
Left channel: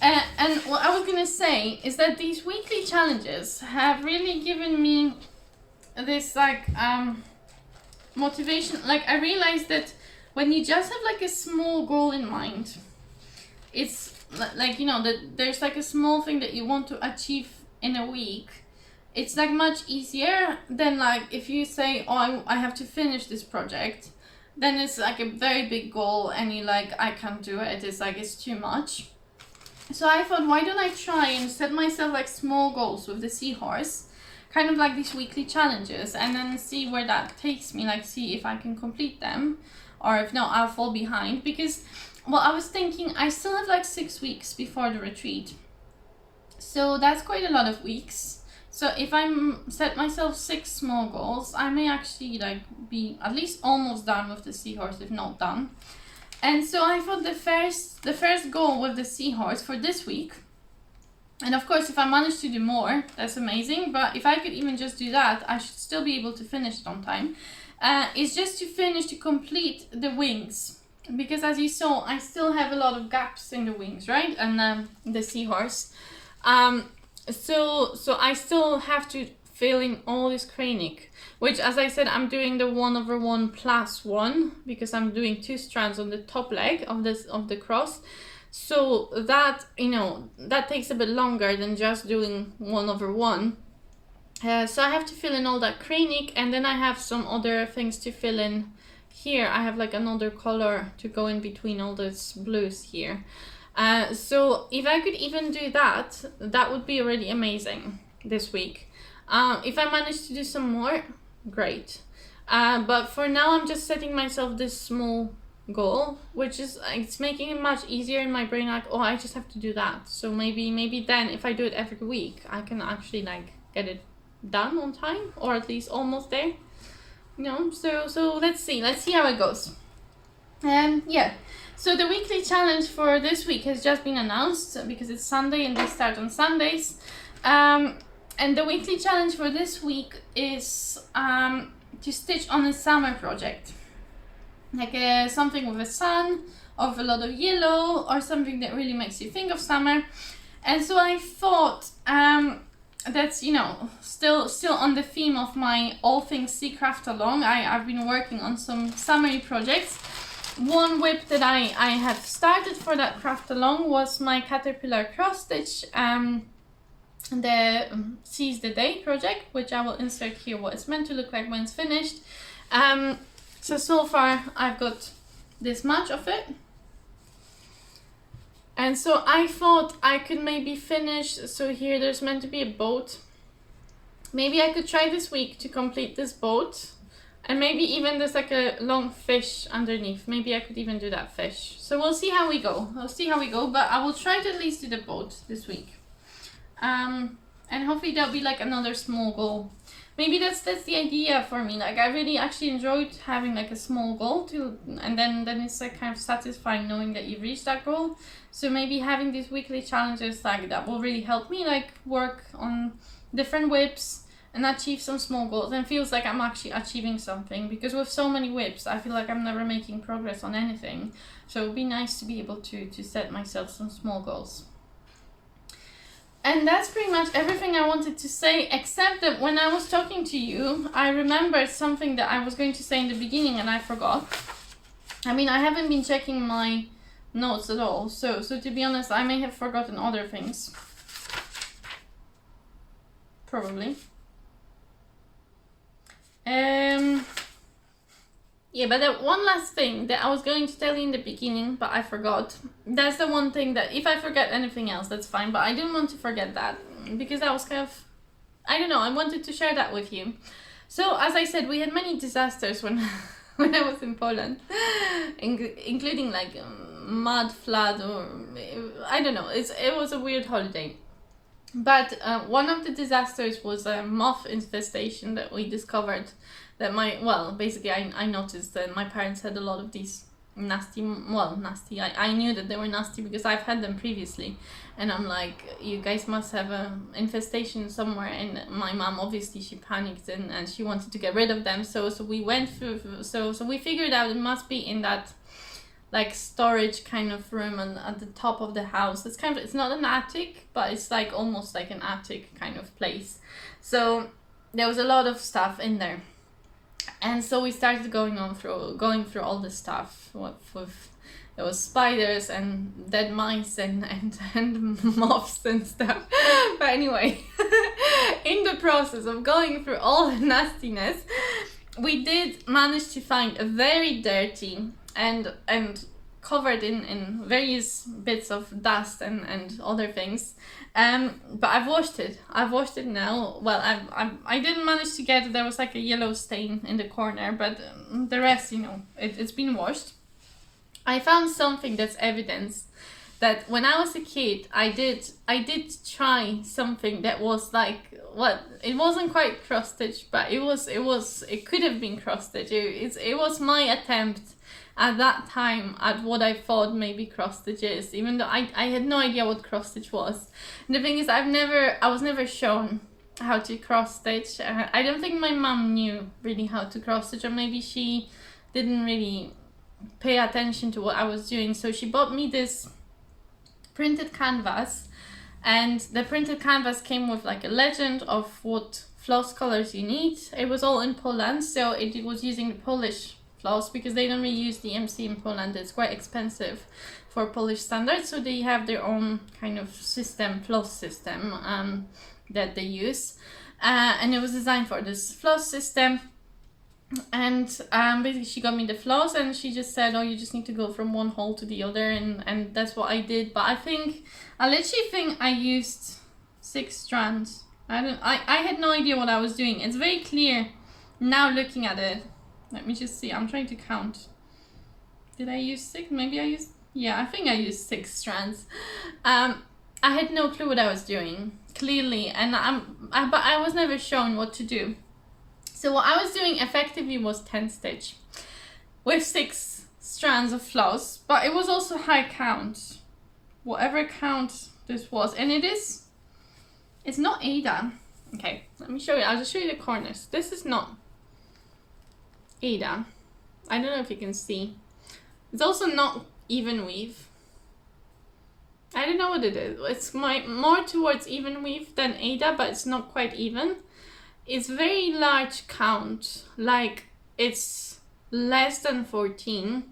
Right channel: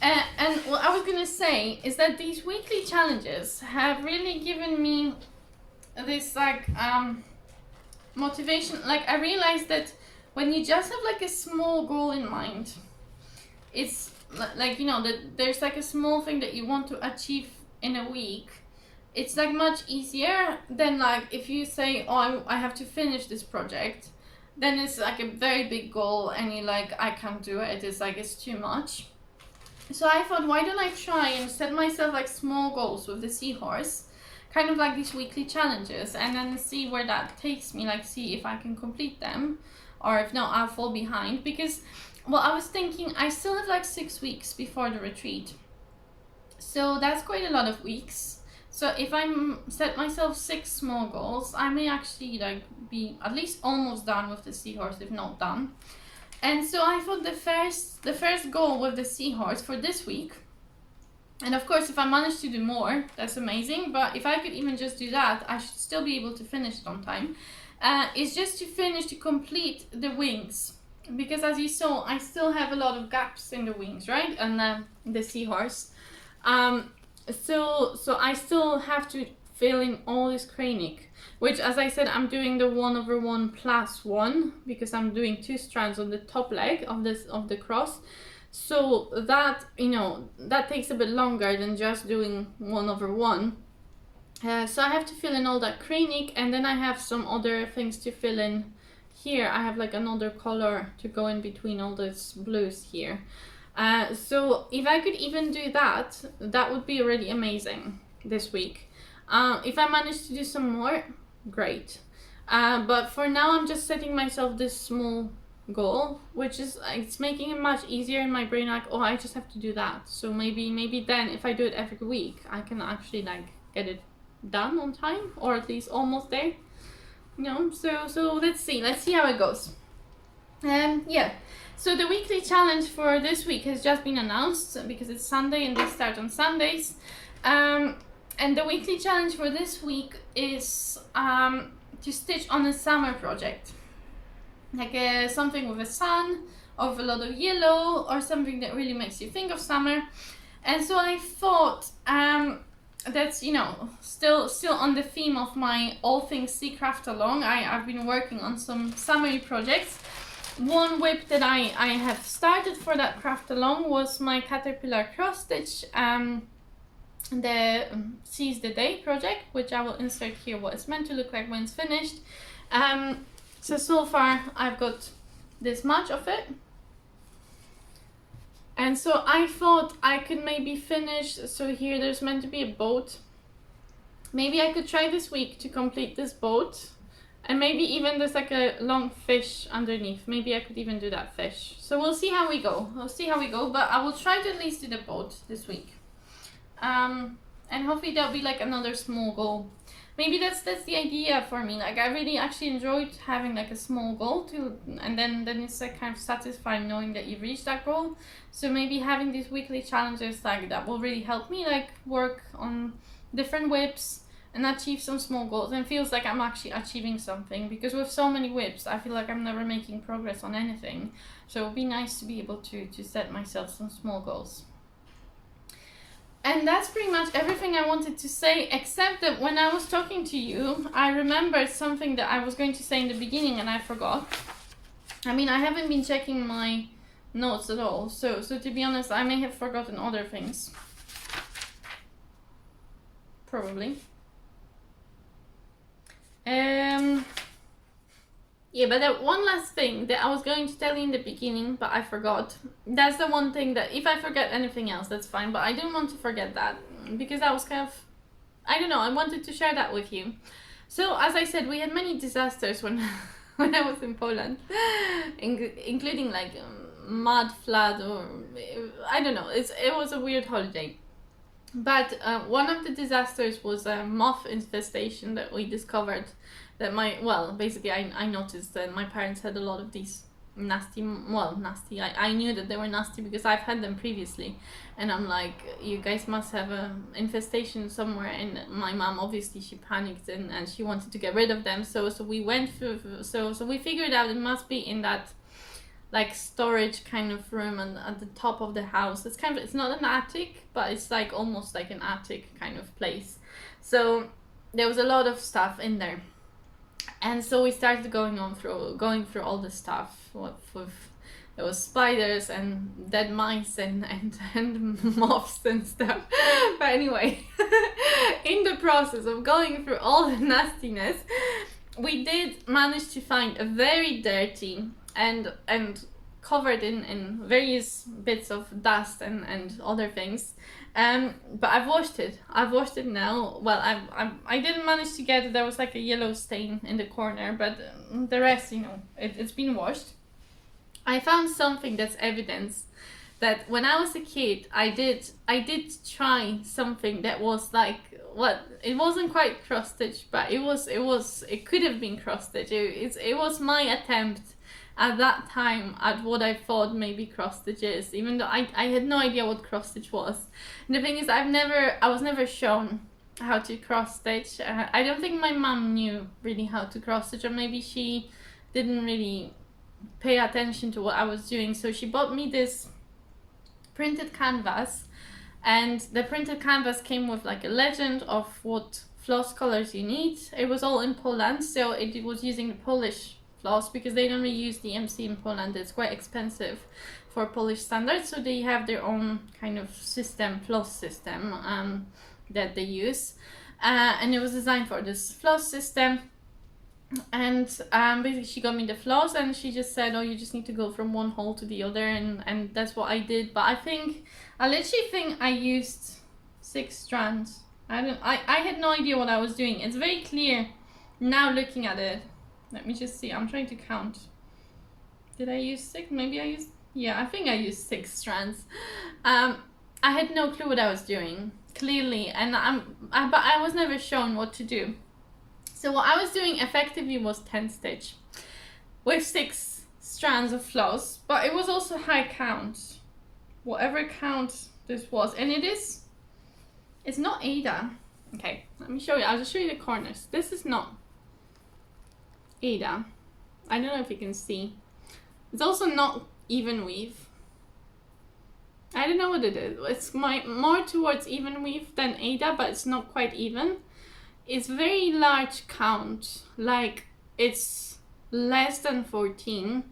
And what I was gonna say is that these weekly challenges have really given me this like motivation. Like, I realized that when you just have like a small goal in mind, it's like, you know, that there's like a small thing that you want to achieve in a week. It's like much easier than like if you say, oh, I have to finish this project. Then it's like a very big goal and you're like, I can't do it. It's like, it's too much. So I thought, why don't I try and set myself like small goals with the seahorse, kind of like these weekly challenges, and then see where that takes me, like see if I can complete them, or if not, I'll fall behind. Because, well, I was thinking I still have like 6 weeks before the retreat. So that's quite a lot of weeks. So if I set myself 6 small goals, I may actually like be at least almost done with the seahorse, if not done. And so I thought the first goal with the seahorse for this week, and of course if I manage to do more, that's amazing, but if I could even just do that, I should still be able to finish it on time, is just to complete the wings. Because as you saw, I still have a lot of gaps in the wings, right? And the seahorse. So I still have to fill in all this cranic, which, as I said, I'm doing the 1/1 plus 1 because I'm doing 2 strands on the top leg of the cross. So that, you know, that takes a bit longer than just doing 1/1. So I have to fill in all that cranic, and then I have some other things to fill in here. I have like another color to go in between all those blues here. So if I could even do that, that would be really amazing this week. If I manage to do some more, great. But for now, I'm just setting myself this small goal, which is, it's making it much easier in my brain, like, oh, I just have to do that. So maybe then if I do it every week, I can actually like get it done on time, or at least almost there. You know, so let's see how it goes. Yeah, so the weekly challenge for this week has just been announced because it's Sunday and they start on Sundays. And the weekly challenge for this week is to stitch on a summer project, like something with a sun, of a lot of yellow, or something that really makes you think of summer. And so I thought that's, you know, still on the theme of my all things sea craft along. I've been working on some summery projects. One whip that I have started for that craft along was my Caterpillar cross stitch, the Seize the Day project, which I will insert here what it's meant to look like when it's finished. So far I've got this much of it. And so I thought I could maybe finish, so here there's meant to be a boat. Maybe I could try this week to complete this boat. And maybe even there's like a long fish underneath. Maybe I could even do that fish. So we'll see how we go. But I will try to at least do the boat this week. And hopefully there'll be like another small goal. Maybe that's the idea for me. Like I really actually enjoyed having like a small goal to, and then it's like kind of satisfying knowing that you've reached that goal. So maybe having these weekly challenges like that will really help me like work on different whips and achieve some small goals, and feels like I'm actually achieving something, because with so many whips I feel like I'm never making progress on anything. So it would be nice to be able to set myself some small goals. And that's pretty much everything I wanted to say, except that when I was talking to you, I remembered something that I was going to say in the beginning and I forgot. I mean, I haven't been checking my notes at all, so to be honest, I may have forgotten other things. Probably. Yeah, but that one last thing that I was going to tell you in the beginning, but I forgot. That's the one thing that if I forget anything else, that's fine. But I didn't want to forget that, because that was kind of, I don't know, I wanted to share that with you. So as I said, we had many disasters when when I was in Poland, including like mud flood, or I don't know. It was a weird holiday. But one of the disasters was a moth infestation that we discovered. That basically I noticed that my parents had a lot of these nasty, I knew that they were nasty because I've had them previously, and I'm like, you guys must have an infestation somewhere. And my mom, obviously she panicked and she wanted to get rid of them, so we went through, so we figured out it must be in that like storage kind of room and at the top of the house. It's not an attic, but it's like almost like an attic kind of place. So there was a lot of stuff in there. And so we started going through all the stuff. There was spiders and dead mice and moths and stuff. But anyway, in the process of going through all the nastiness, we did manage to find a very dirty and covered in various bits of dust and other things. But I've washed it now. Well, I didn't manage to get, there was like a yellow stain in the corner, but the rest, you know, it's been washed. I found something that's evidence that when I was a kid, I did try something that was like, it wasn't quite cross stitch, but it could have been cross stitch. It was my attempt at that time at what I thought maybe cross stitch is, even though I had no idea what cross stitch was. And the thing is, I was never shown how to cross stitch. I don't think my mom knew really how to cross stitch, or maybe she didn't really pay attention to what I was doing. So she bought me this printed canvas, and the printed canvas came with like a legend of what floss colors you need. It was all in Poland, so it was using the Polish floss, because they don't really use the MC in Poland. It's quite expensive for Polish standards, so they have their own kind of floss system that they use, and it was designed for this floss system. And basically she got me the floss, and she just said, oh, you just need to go from one hole to the other, and that's what I did. But I literally think I used 6 strands. I had no idea what I was doing. It's very clear now looking at it. Let me just see. I'm trying to count. Did I use 6? Maybe I used... Yeah, I think I used 6 strands. I had no clue what I was doing, clearly. And but I was never shown what to do. So what I was doing effectively was 10 stitch with 6 strands of floss, but it was also high count, whatever count this was, and it's not Ada. Okay, let me show you. I'll just show you the corners. This is not Ada. I don't know if you can see. It's also not even weave. I don't know what it is. It's more towards even weave than Ada, but it's not quite even. It's very large count, like it's less than 14,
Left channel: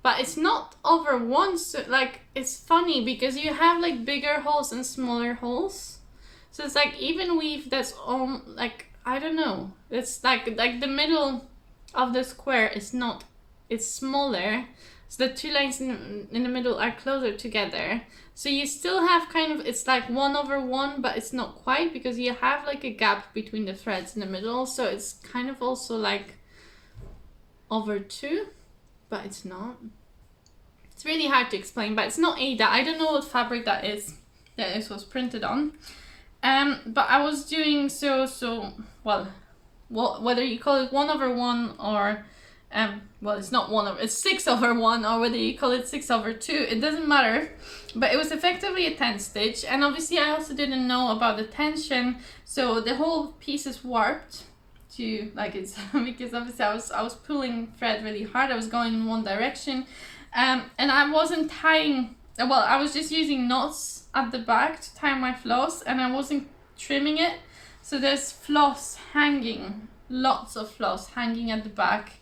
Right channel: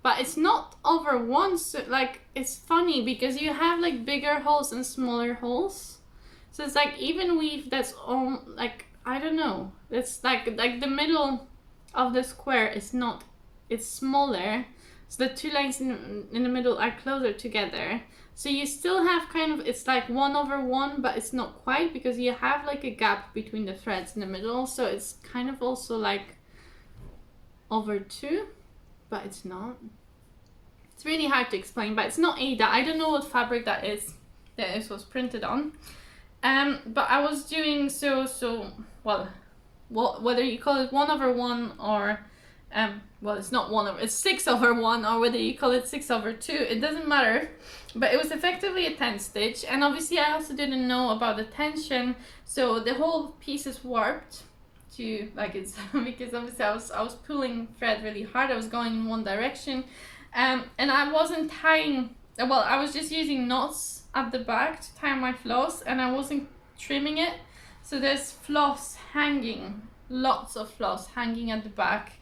but it's not over 1. So like, it's funny because you have like bigger holes and smaller holes. So it's like even weave that's like, I don't know. It's like the middle of the square is not, it's smaller. So the 2 lines in the middle are closer together. So you still have kind of, it's like 1/1, but it's not quite because you have like a gap between the threads in the middle. So it's kind of also like over 2, but it's not. It's really hard to explain, but it's not Ada. I don't know what fabric that is that this was printed on. But I was doing well, whether you call it 1/1 or well, it's not it's 6/1, or whether you call it 6/2, it doesn't matter. But it was effectively a 10 stitch, and obviously I also didn't know about the tension, so the whole piece is warped to like it's because obviously I was pulling thread really hard. I was going in one direction, and I wasn't tying. Well, I was just using knots at the back to tie my floss, and I wasn't trimming it. So there's floss hanging, lots of floss hanging at the back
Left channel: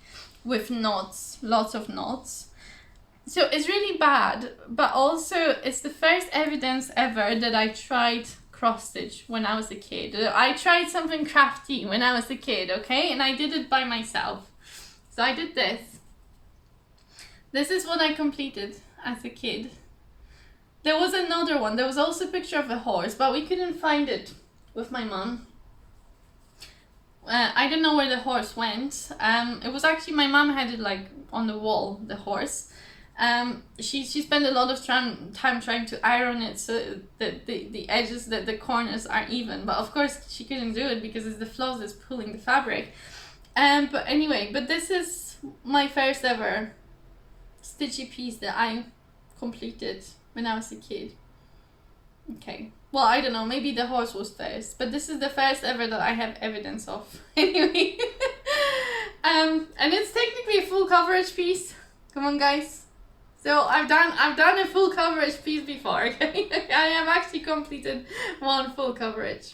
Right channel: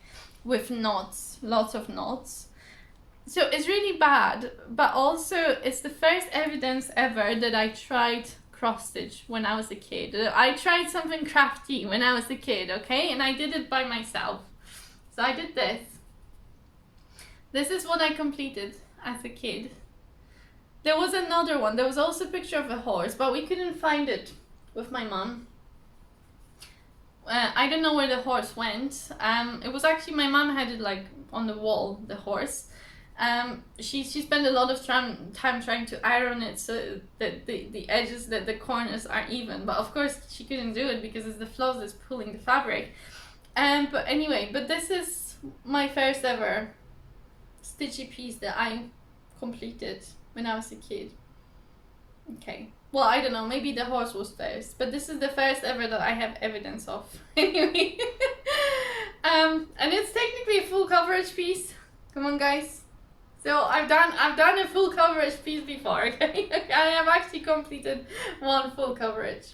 with knots, lots of knots. So it's really bad, but also it's the first evidence ever that I tried cross stitch when I was a kid. I tried something crafty when I was a kid, okay? And I did it by myself. So I did this. This is what I completed as a kid. There was another one. There was also a picture of a horse, but we couldn't find it with my mom. I don't know where the horse went. It was actually, my mom had it like on the wall, the horse. She spent a lot of time trying to iron it so that the edges, that the corners are even. But of course she couldn't do it because it's the floss that's pulling the fabric. But anyway, but this is my first ever stitchy piece that I completed when I was a kid. Okay. Well, I don't know, maybe the horse was first, but this is the first ever that I have evidence of. Anyway, and it's technically a full coverage piece. Come on, guys. So I've done a full coverage piece before. Okay, I have actually completed one full coverage.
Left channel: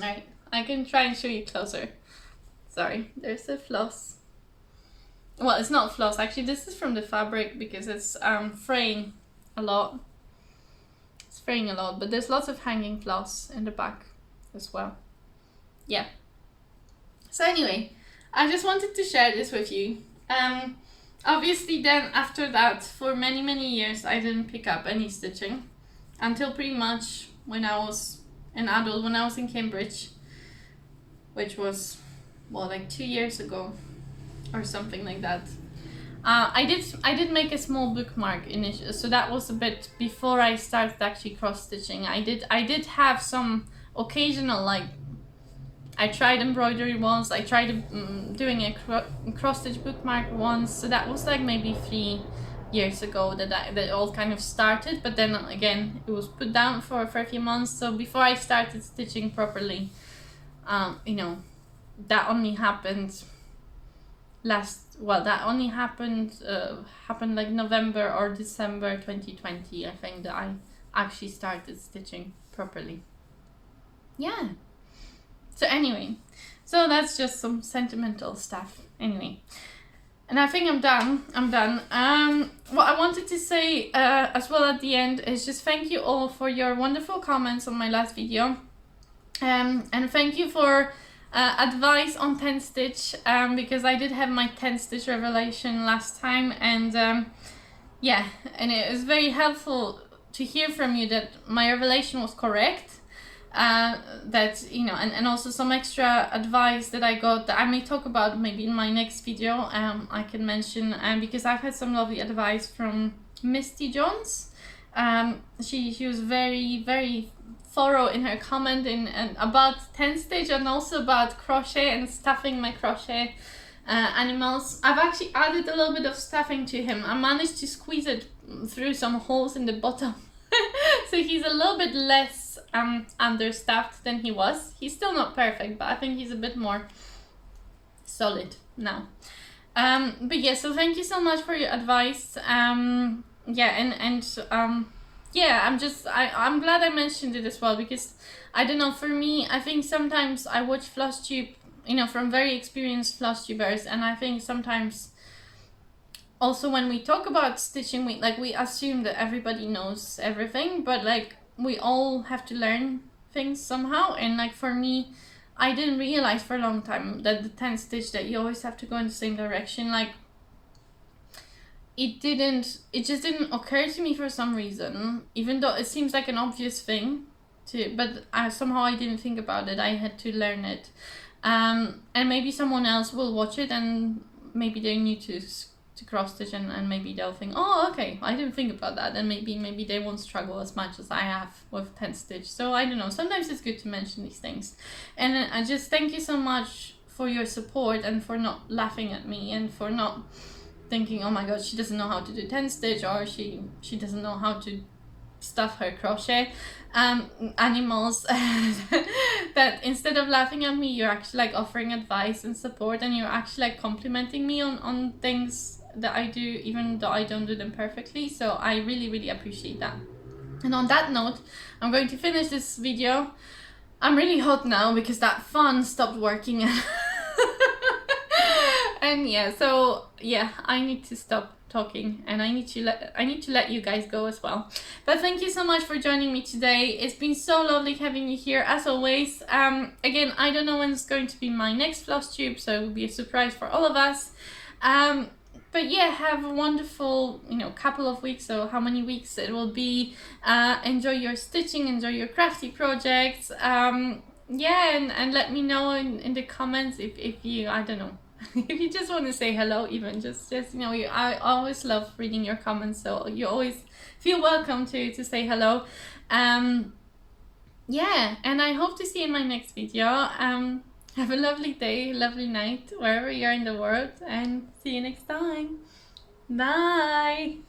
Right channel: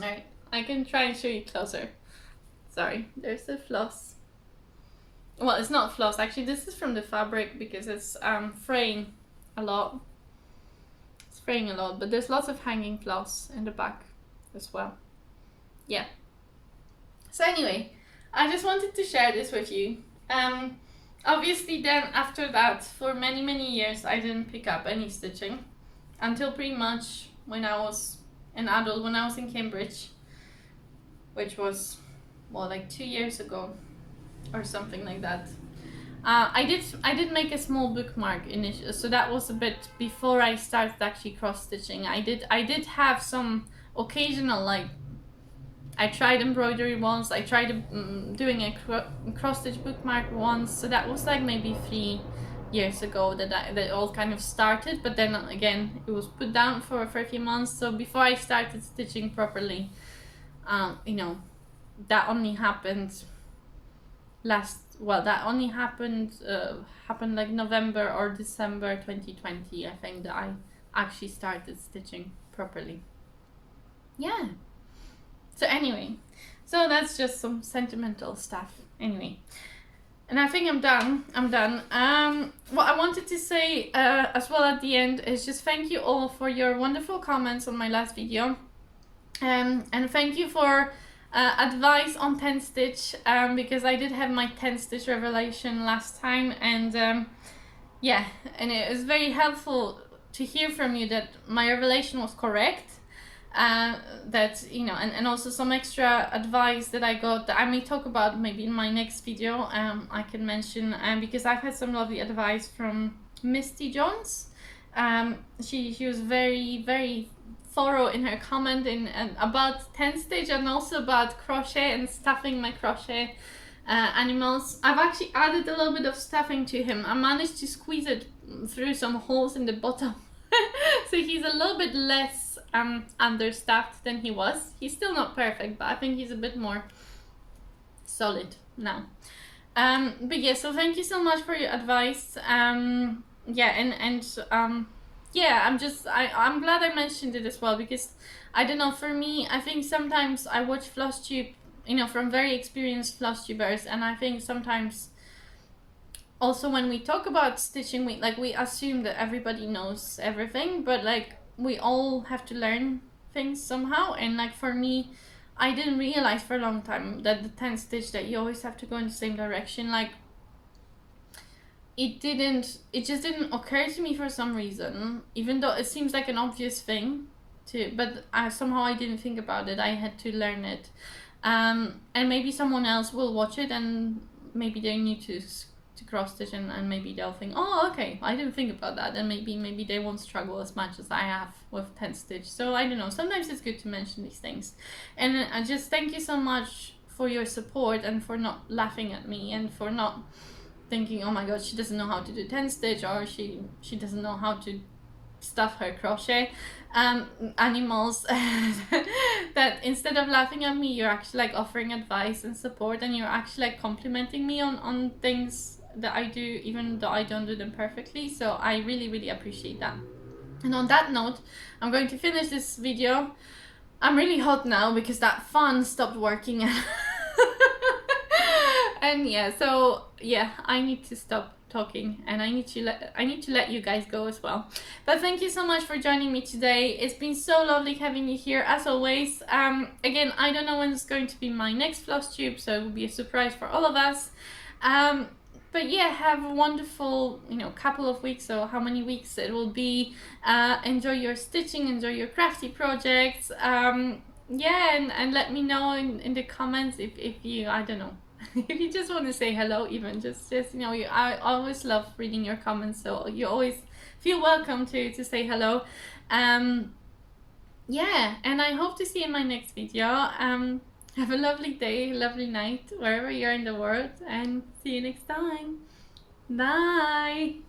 Right, I can try and show you closer. Sorry, there's a floss. Well, it's not floss actually. This is from the fabric because it's fraying a lot. Fraying a lot, but there's lots of hanging floss in the back as well. Yeah. So anyway, I just wanted to share this with you. Obviously then after that, for many years, I didn't pick up any stitching until pretty much when I was an adult, when I was in Cambridge, which was, well, like 2 years ago or something like that. I did make a small bookmark initially, so that was a bit before I started actually cross stitching. I did have some occasional, like, I tried embroidery once, I tried doing a cross stitch bookmark once, so that was like maybe 3 years ago that all kind of started, but then again it was put down for a few months. So before I started stitching properly, you know, that only happened happened like November or December 2020, I think, that I actually started stitching properly. Yeah. So anyway, so that's just some sentimental stuff. Anyway, and I think I'm done. What I wanted to say as well at the end is just thank you all for your wonderful comments on my last video. And thank you for advice on 10 stitch, because I did have my 10 stitch revelation last time, and yeah, and it was very helpful to hear from you that my revelation was correct, that, you know, and also some extra advice that I got that I may talk about maybe in my next video. I can mention, because I've had some lovely advice from Misty Jones. She was very thorough in her comment and about 10 stitch and also about crochet and stuffing my crochet animals. I've actually added a little bit of stuffing to him. I managed to squeeze it through some holes in the bottom. So he's a little bit less understuffed than he was. He's still not perfect, but I think he's a bit more solid now. But yeah, so thank you so much for your advice. Yeah, I'm glad I mentioned it as well, because I don't know, for me, I think sometimes I watch Flosstube, you know, from very experienced Flosstubers, and I think sometimes also when we talk about stitching, we assume that everybody knows everything, but like we all have to learn things somehow. And like for me, I didn't realize for a long time that the 10 stitch, that you always have to go in the same direction. Like it just didn't occur to me for some reason, even though it seems like an obvious thing but somehow I didn't think about it. I had to learn it. And maybe someone else will watch it and maybe they need to cross stitch and maybe they'll think, oh, okay, I didn't think about that, and maybe they won't struggle as much as I have with 10 stitch. So I don't know, sometimes it's good to mention these things. And I just thank you so much for your support and for not laughing at me and for not thinking, oh my god, she doesn't know how to do 10 stitch, or she doesn't know how to stuff her crochet animals. That instead of laughing at me, you're actually like offering advice and support, and you're actually like complimenting me on things that I do, even though I don't do them perfectly. So I really, really appreciate that. And on that note, I'm going to finish this video. I'm really hot now because that fan stopped working. And yeah, so yeah, I need to stop talking, and I need to let you guys go as well. But thank you so much for joining me today. It's been so lovely having you here as always. Again, I don't know when it's going to be my next Flosstube, so it will be a surprise for all of us. But yeah, have a wonderful, you know, couple of weeks, or how many weeks it will be. Enjoy your stitching, enjoy your crafty projects. Yeah, and let me know in the comments if you, I don't know, if you just want to say hello, even just you know, I always love reading your comments, so you always feel welcome to say hello. Yeah, and I hope to see you in my next video. Have a lovely day, lovely night, wherever you are in the world, and see you next time. Bye!